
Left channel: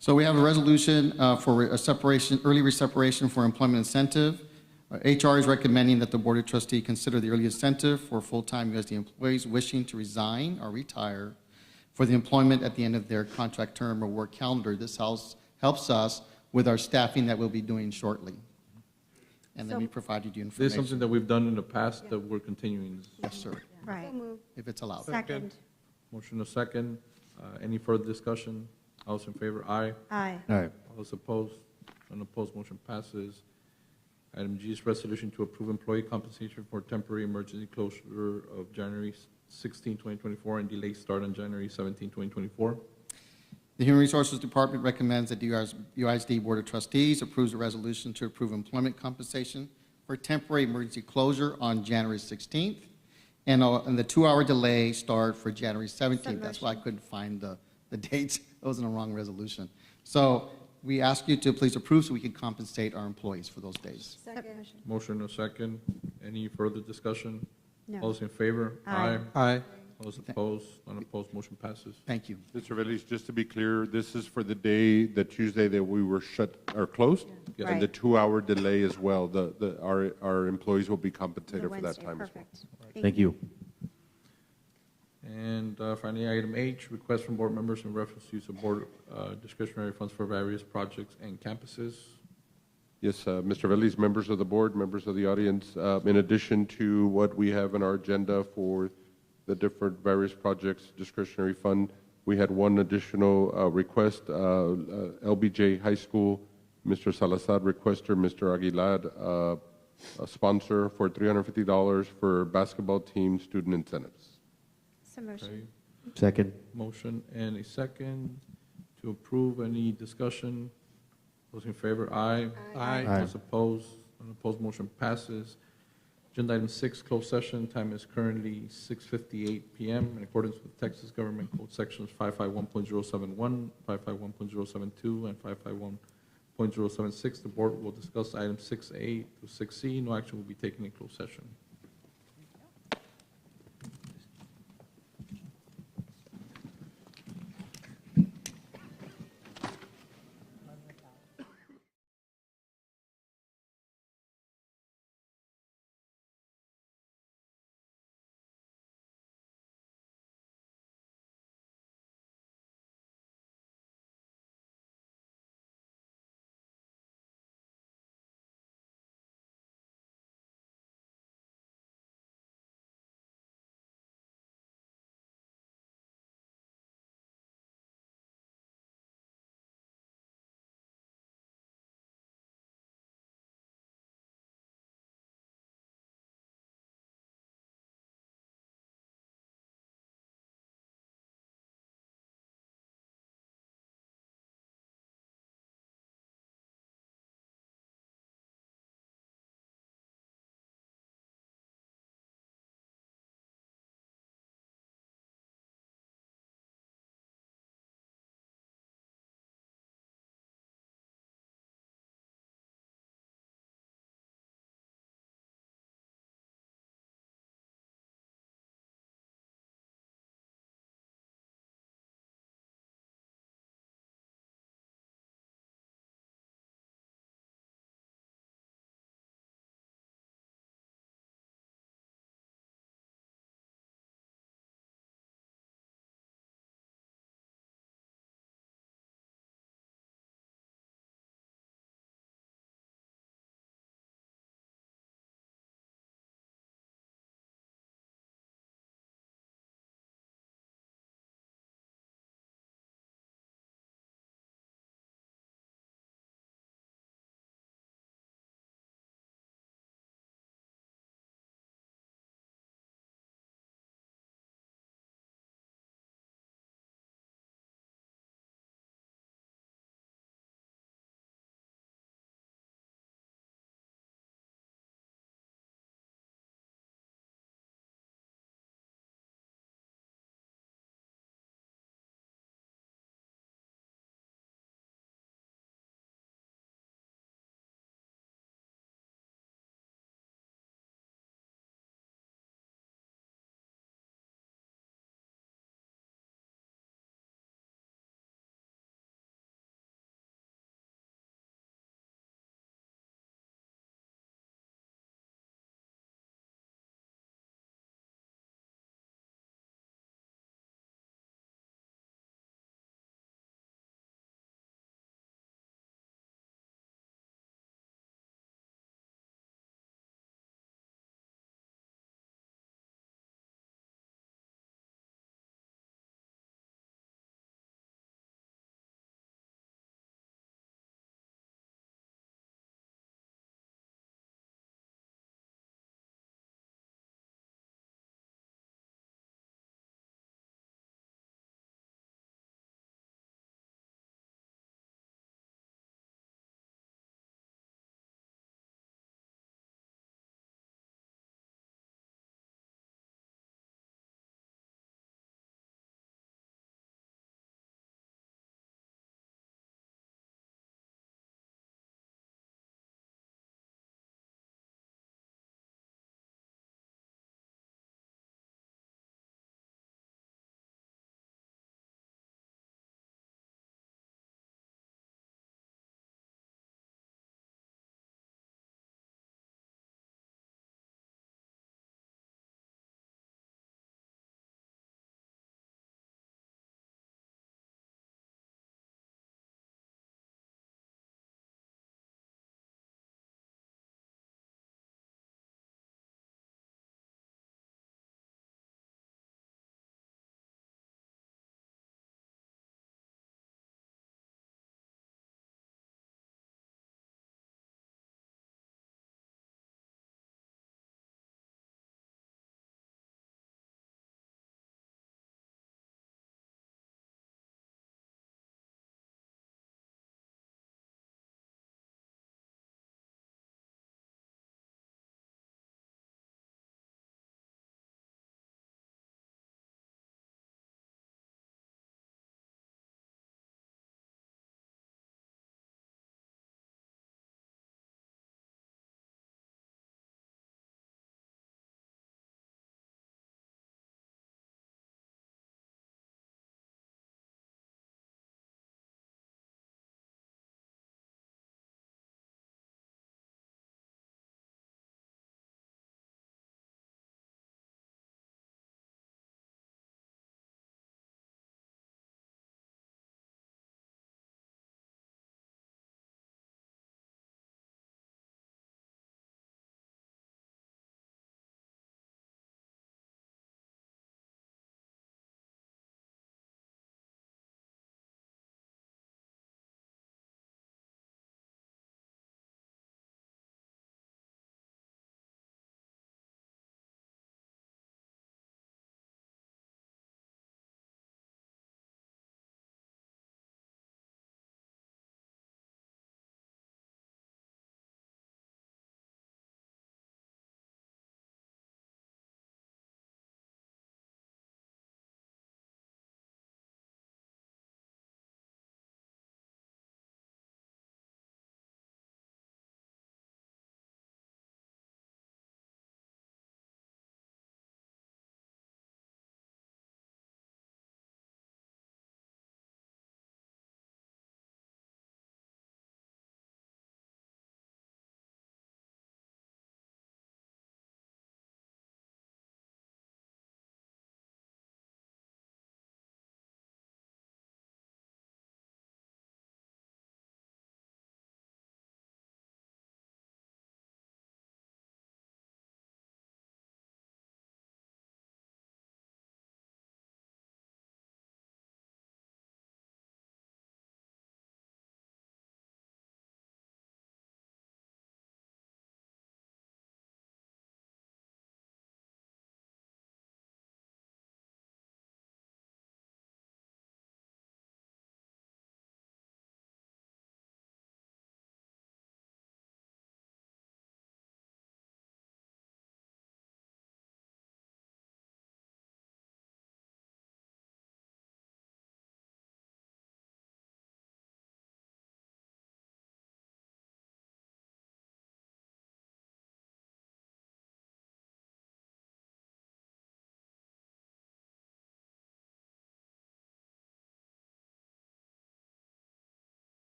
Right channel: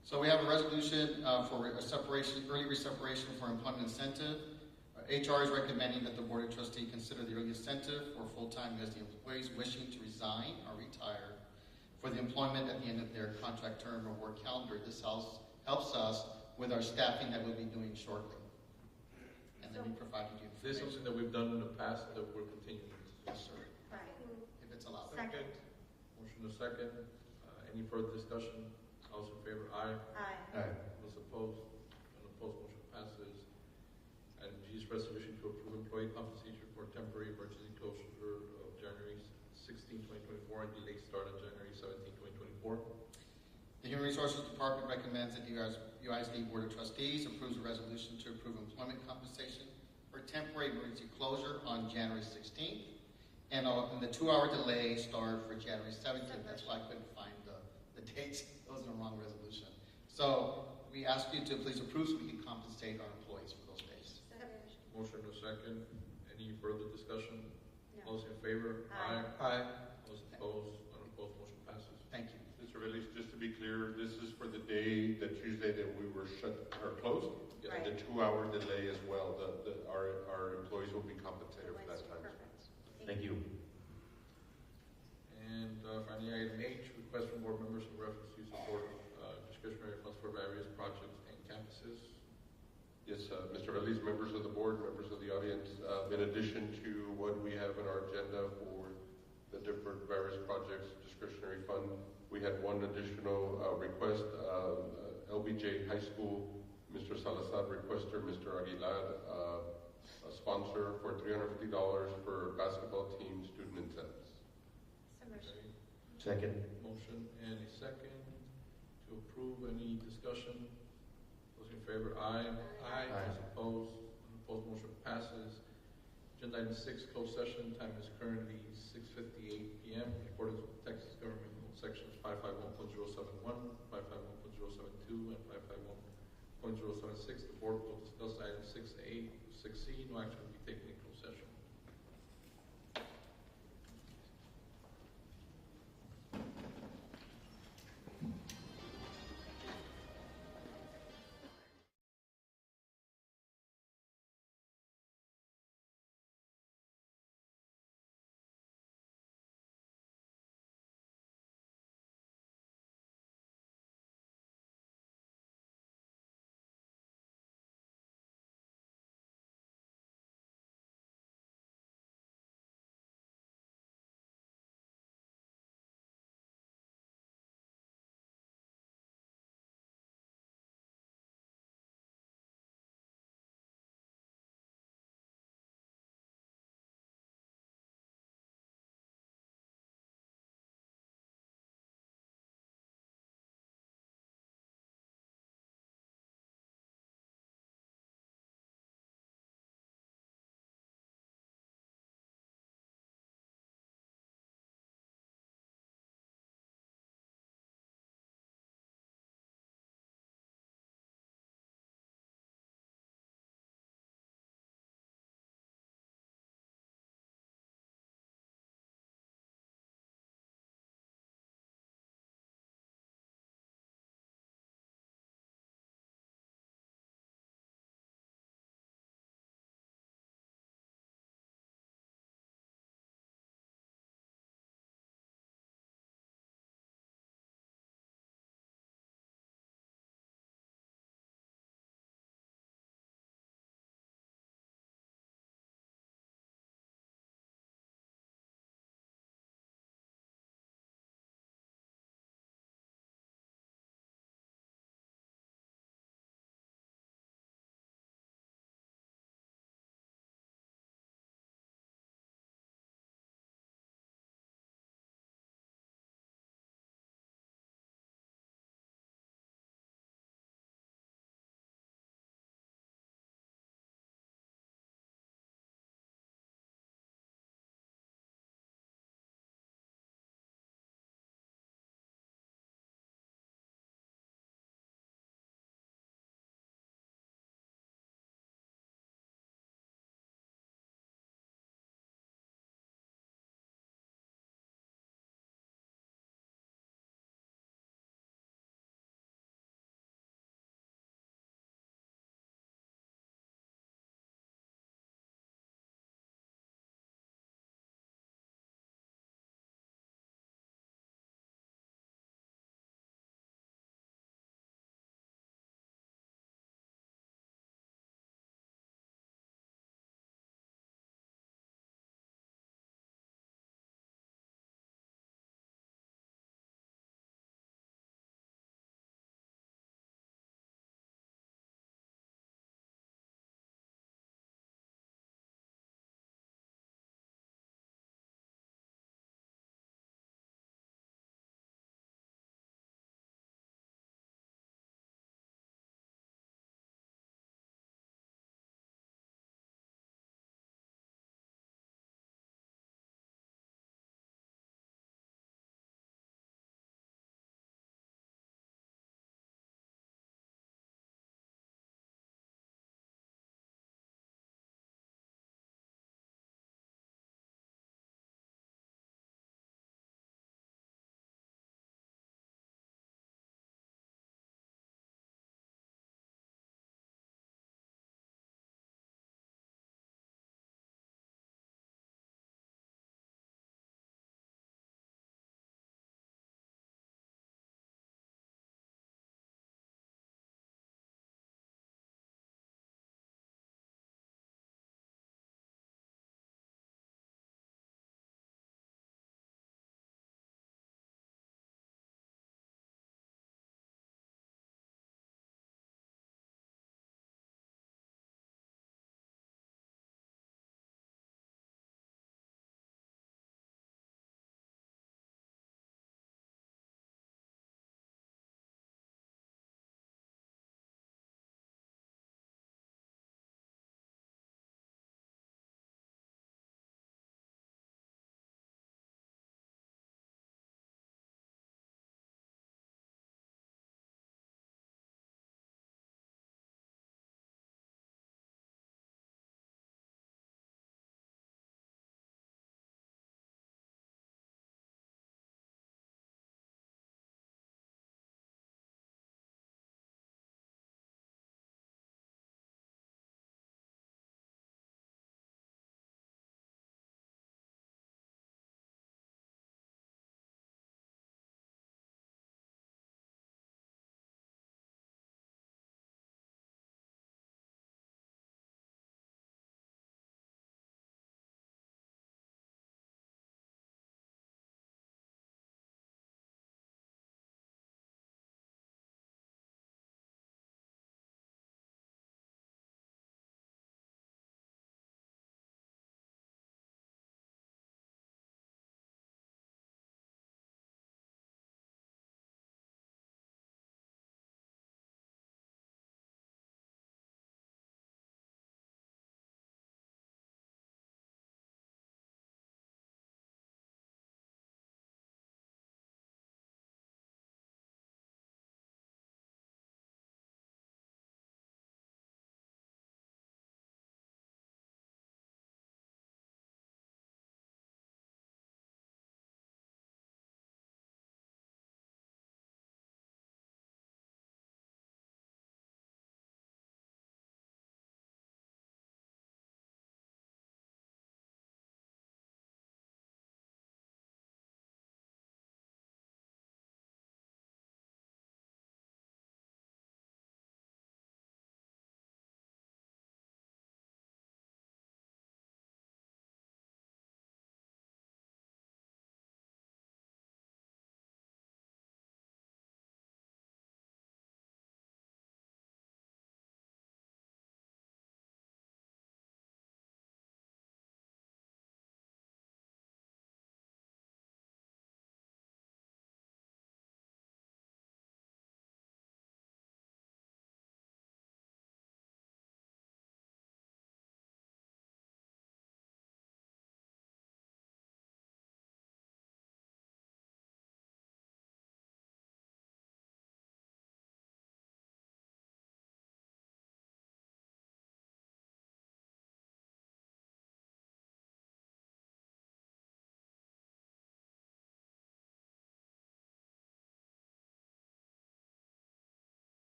So we have a resolution for a separation, early separation for employment incentive. HR is recommending that the Board of Trustees consider the early incentive for full-time USD employees wishing to resign or retire for the employment at the end of their contract term or work calendar. This helps us with our staffing that we'll be doing shortly. And then we provided you This is something information. that we've done in the past that we're continuing. Yes, sir, Right. if it's allowed. Second. Motion a second. Any further discussion? All those in favor? Aye. Aye. Aye. All those opposed? None opposed, motion passes. Item G is resolution to approve employee compensation for temporary emergency closure of January 16, 2024, and delayed start on January 17, 2024. The Human Resources Department recommends that the UISD Board of Trustees approves a resolution to approve employment compensation for temporary emergency closure on January 16th, and the 2-hour delay start for January 17th. That's why I couldn't find the dates. It was in the wrong resolution. So we ask you to please approve so we can compensate our employees for those days. Motion a second. Any further discussion? No. All those in favor? Aye. Aye. All those opposed? None opposed, motion passes. Thank you. Mr. Veliz, just to be clear, this is for the day, the Tuesday that we were shut or closed? Yes. And the 2-hour delay as well. Our employees will be compensated for that time as well. Perfect. Thank you. And finally, item H, request from board members in reference to use of board discretionary funds for various projects and campuses. Yes, Mr. Veliz, members of the board, members of the audience, in addition to what we have in our agenda for the different various projects, discretionary fund, we had one additional request, LBJ High School, Mr. Salazar requester, Mr. Aguilar, a sponsor for $350 for basketball team student incentives. Motion. Second. Motion and a second to approve. Any discussion? Those in favor? Aye. Aye. Those opposed? Unopposed, motion passes. Agenda item 6, closed session. Time is currently 6:58 p.m. In accordance with Texas Government Code Sections 551.071, 551.072, and 551.076, the board will discuss items 6A to 6C. No action will be taken in closed session.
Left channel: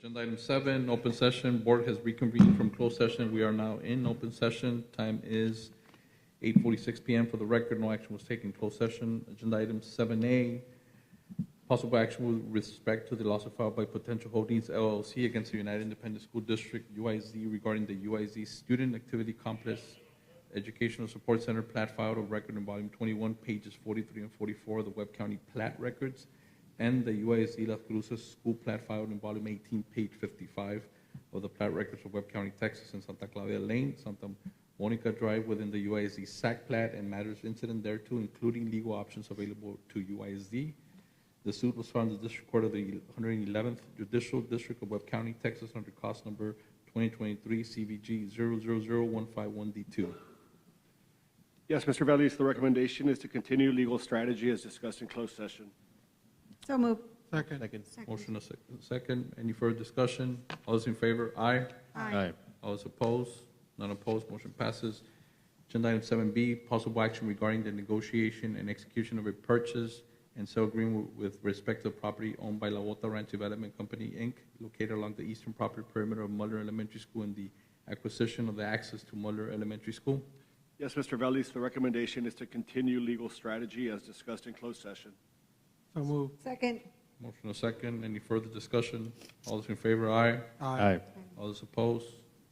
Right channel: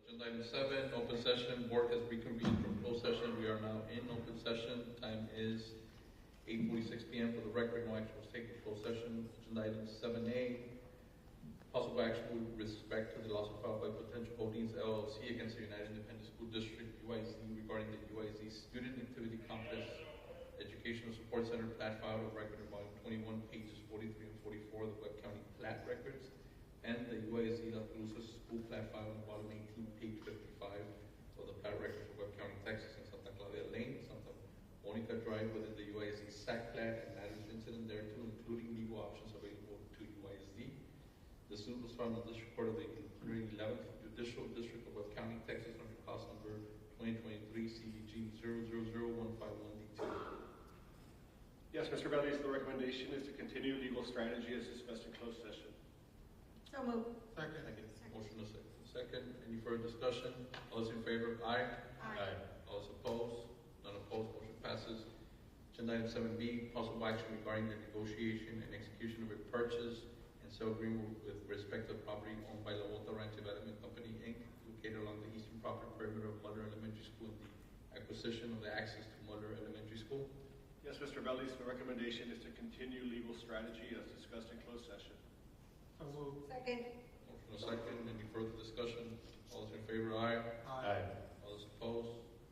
Agenda item 7, open session. Board has reconvened from closed session. We are now in open session. Time is 8:46 p.m. For the record, no action was taken in closed session. Agenda item 7A, possible action with respect to the lawsuit filed by Potential Holdings LLC against the United Independent School District, UISD, regarding the UISD Student Activity Complex Educational Support Center plat filed on record in volume 21, pages 43 and 44 of the Webb County Plat Records, and the UISD Las Cruces School plat filed in volume 18, page 55 of the Plat Records for Webb County, Texas, in Santa Claudia Lane, Santa Monica Drive, within the UISD SAC plat and matters incident thereto, including legal options available to UISD. The suit was filed in the District Court of the 111th Judicial District of Webb County, Texas, under cause number 2023 CVG 0000151D2. Yes, Mr. Veliz, the recommendation is to continue legal strategy as discussed in closed session. So moved. Second. Motion a second. Any further discussion? All those in favor? Aye. Aye. All those opposed? None opposed. Motion passes. Agenda item 7B, possible action regarding the negotiation and execution of a purchase and sale agreement with respect to property owned by La Bota Ranch Development Company, Inc., located along the eastern property perimeter of Muller Elementary School, and the acquisition of the access to Muller Elementary School. Yes, Mr. Veliz, the recommendation is to continue legal strategy as discussed in closed session. So moved. Second. Motion a second. Any further discussion? All those in favor? Aye. Aye. All those opposed?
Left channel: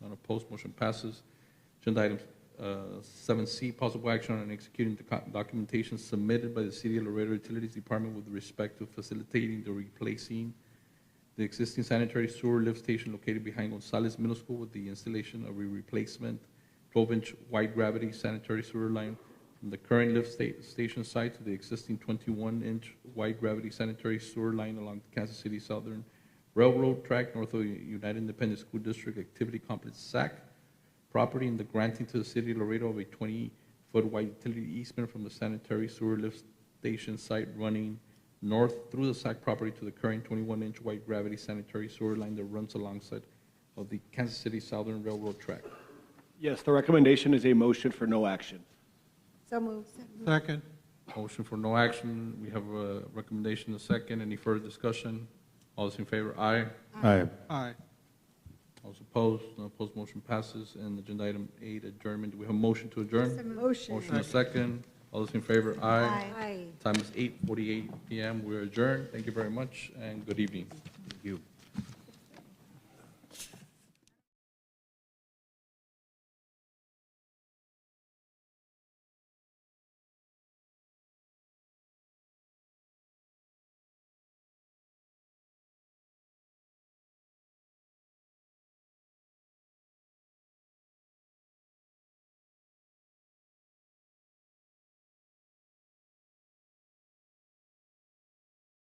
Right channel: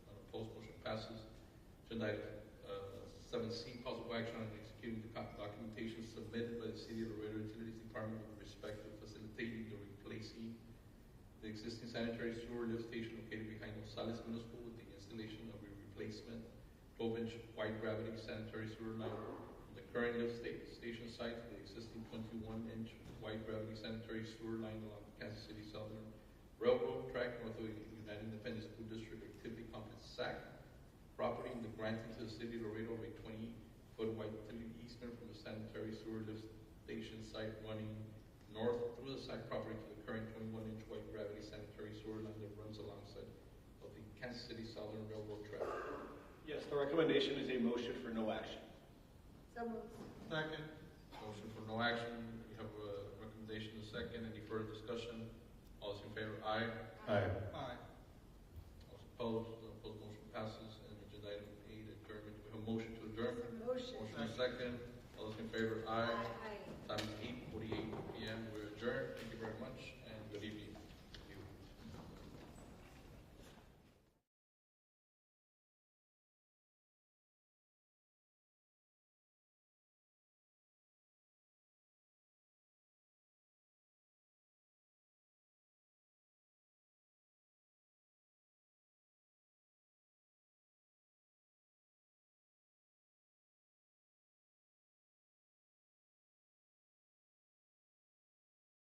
None opposed. Motion passes. Agenda item 7C, possible action on executing the documentation submitted by the City of Laredo Utilities Department with respect to facilitating the replacing the existing sanitary sewer lift station located behind Gonzalez Middle School with the installation of a replacement 12-inch wide gravity sanitary sewer line from the current lift station site to the existing 21-inch wide gravity sanitary sewer line along the Kansas City Southern Railroad track north of United Independent School District Activity Complex SAC property, and the granting to the City of Laredo of a 20-foot wide utility easement from the sanitary sewer lift station site running north through the SAC property to the current 21-inch wide gravity sanitary sewer line that runs alongside of the Kansas City Southern Railroad track. Yes, the recommendation is a motion for no action. So moved. Second. Motion for no action. We have a recommendation, a second. Any further discussion? All those in favor? Aye. Aye. Aye. All those opposed? No opposed. Motion passes. And agenda item 8, adjournment. Do we have a motion to adjourn? Motion. Motion a second. All those in favor? Aye. Aye. Time is 8:48 p.m. We're adjourned. Thank you very much and good evening. Thank you.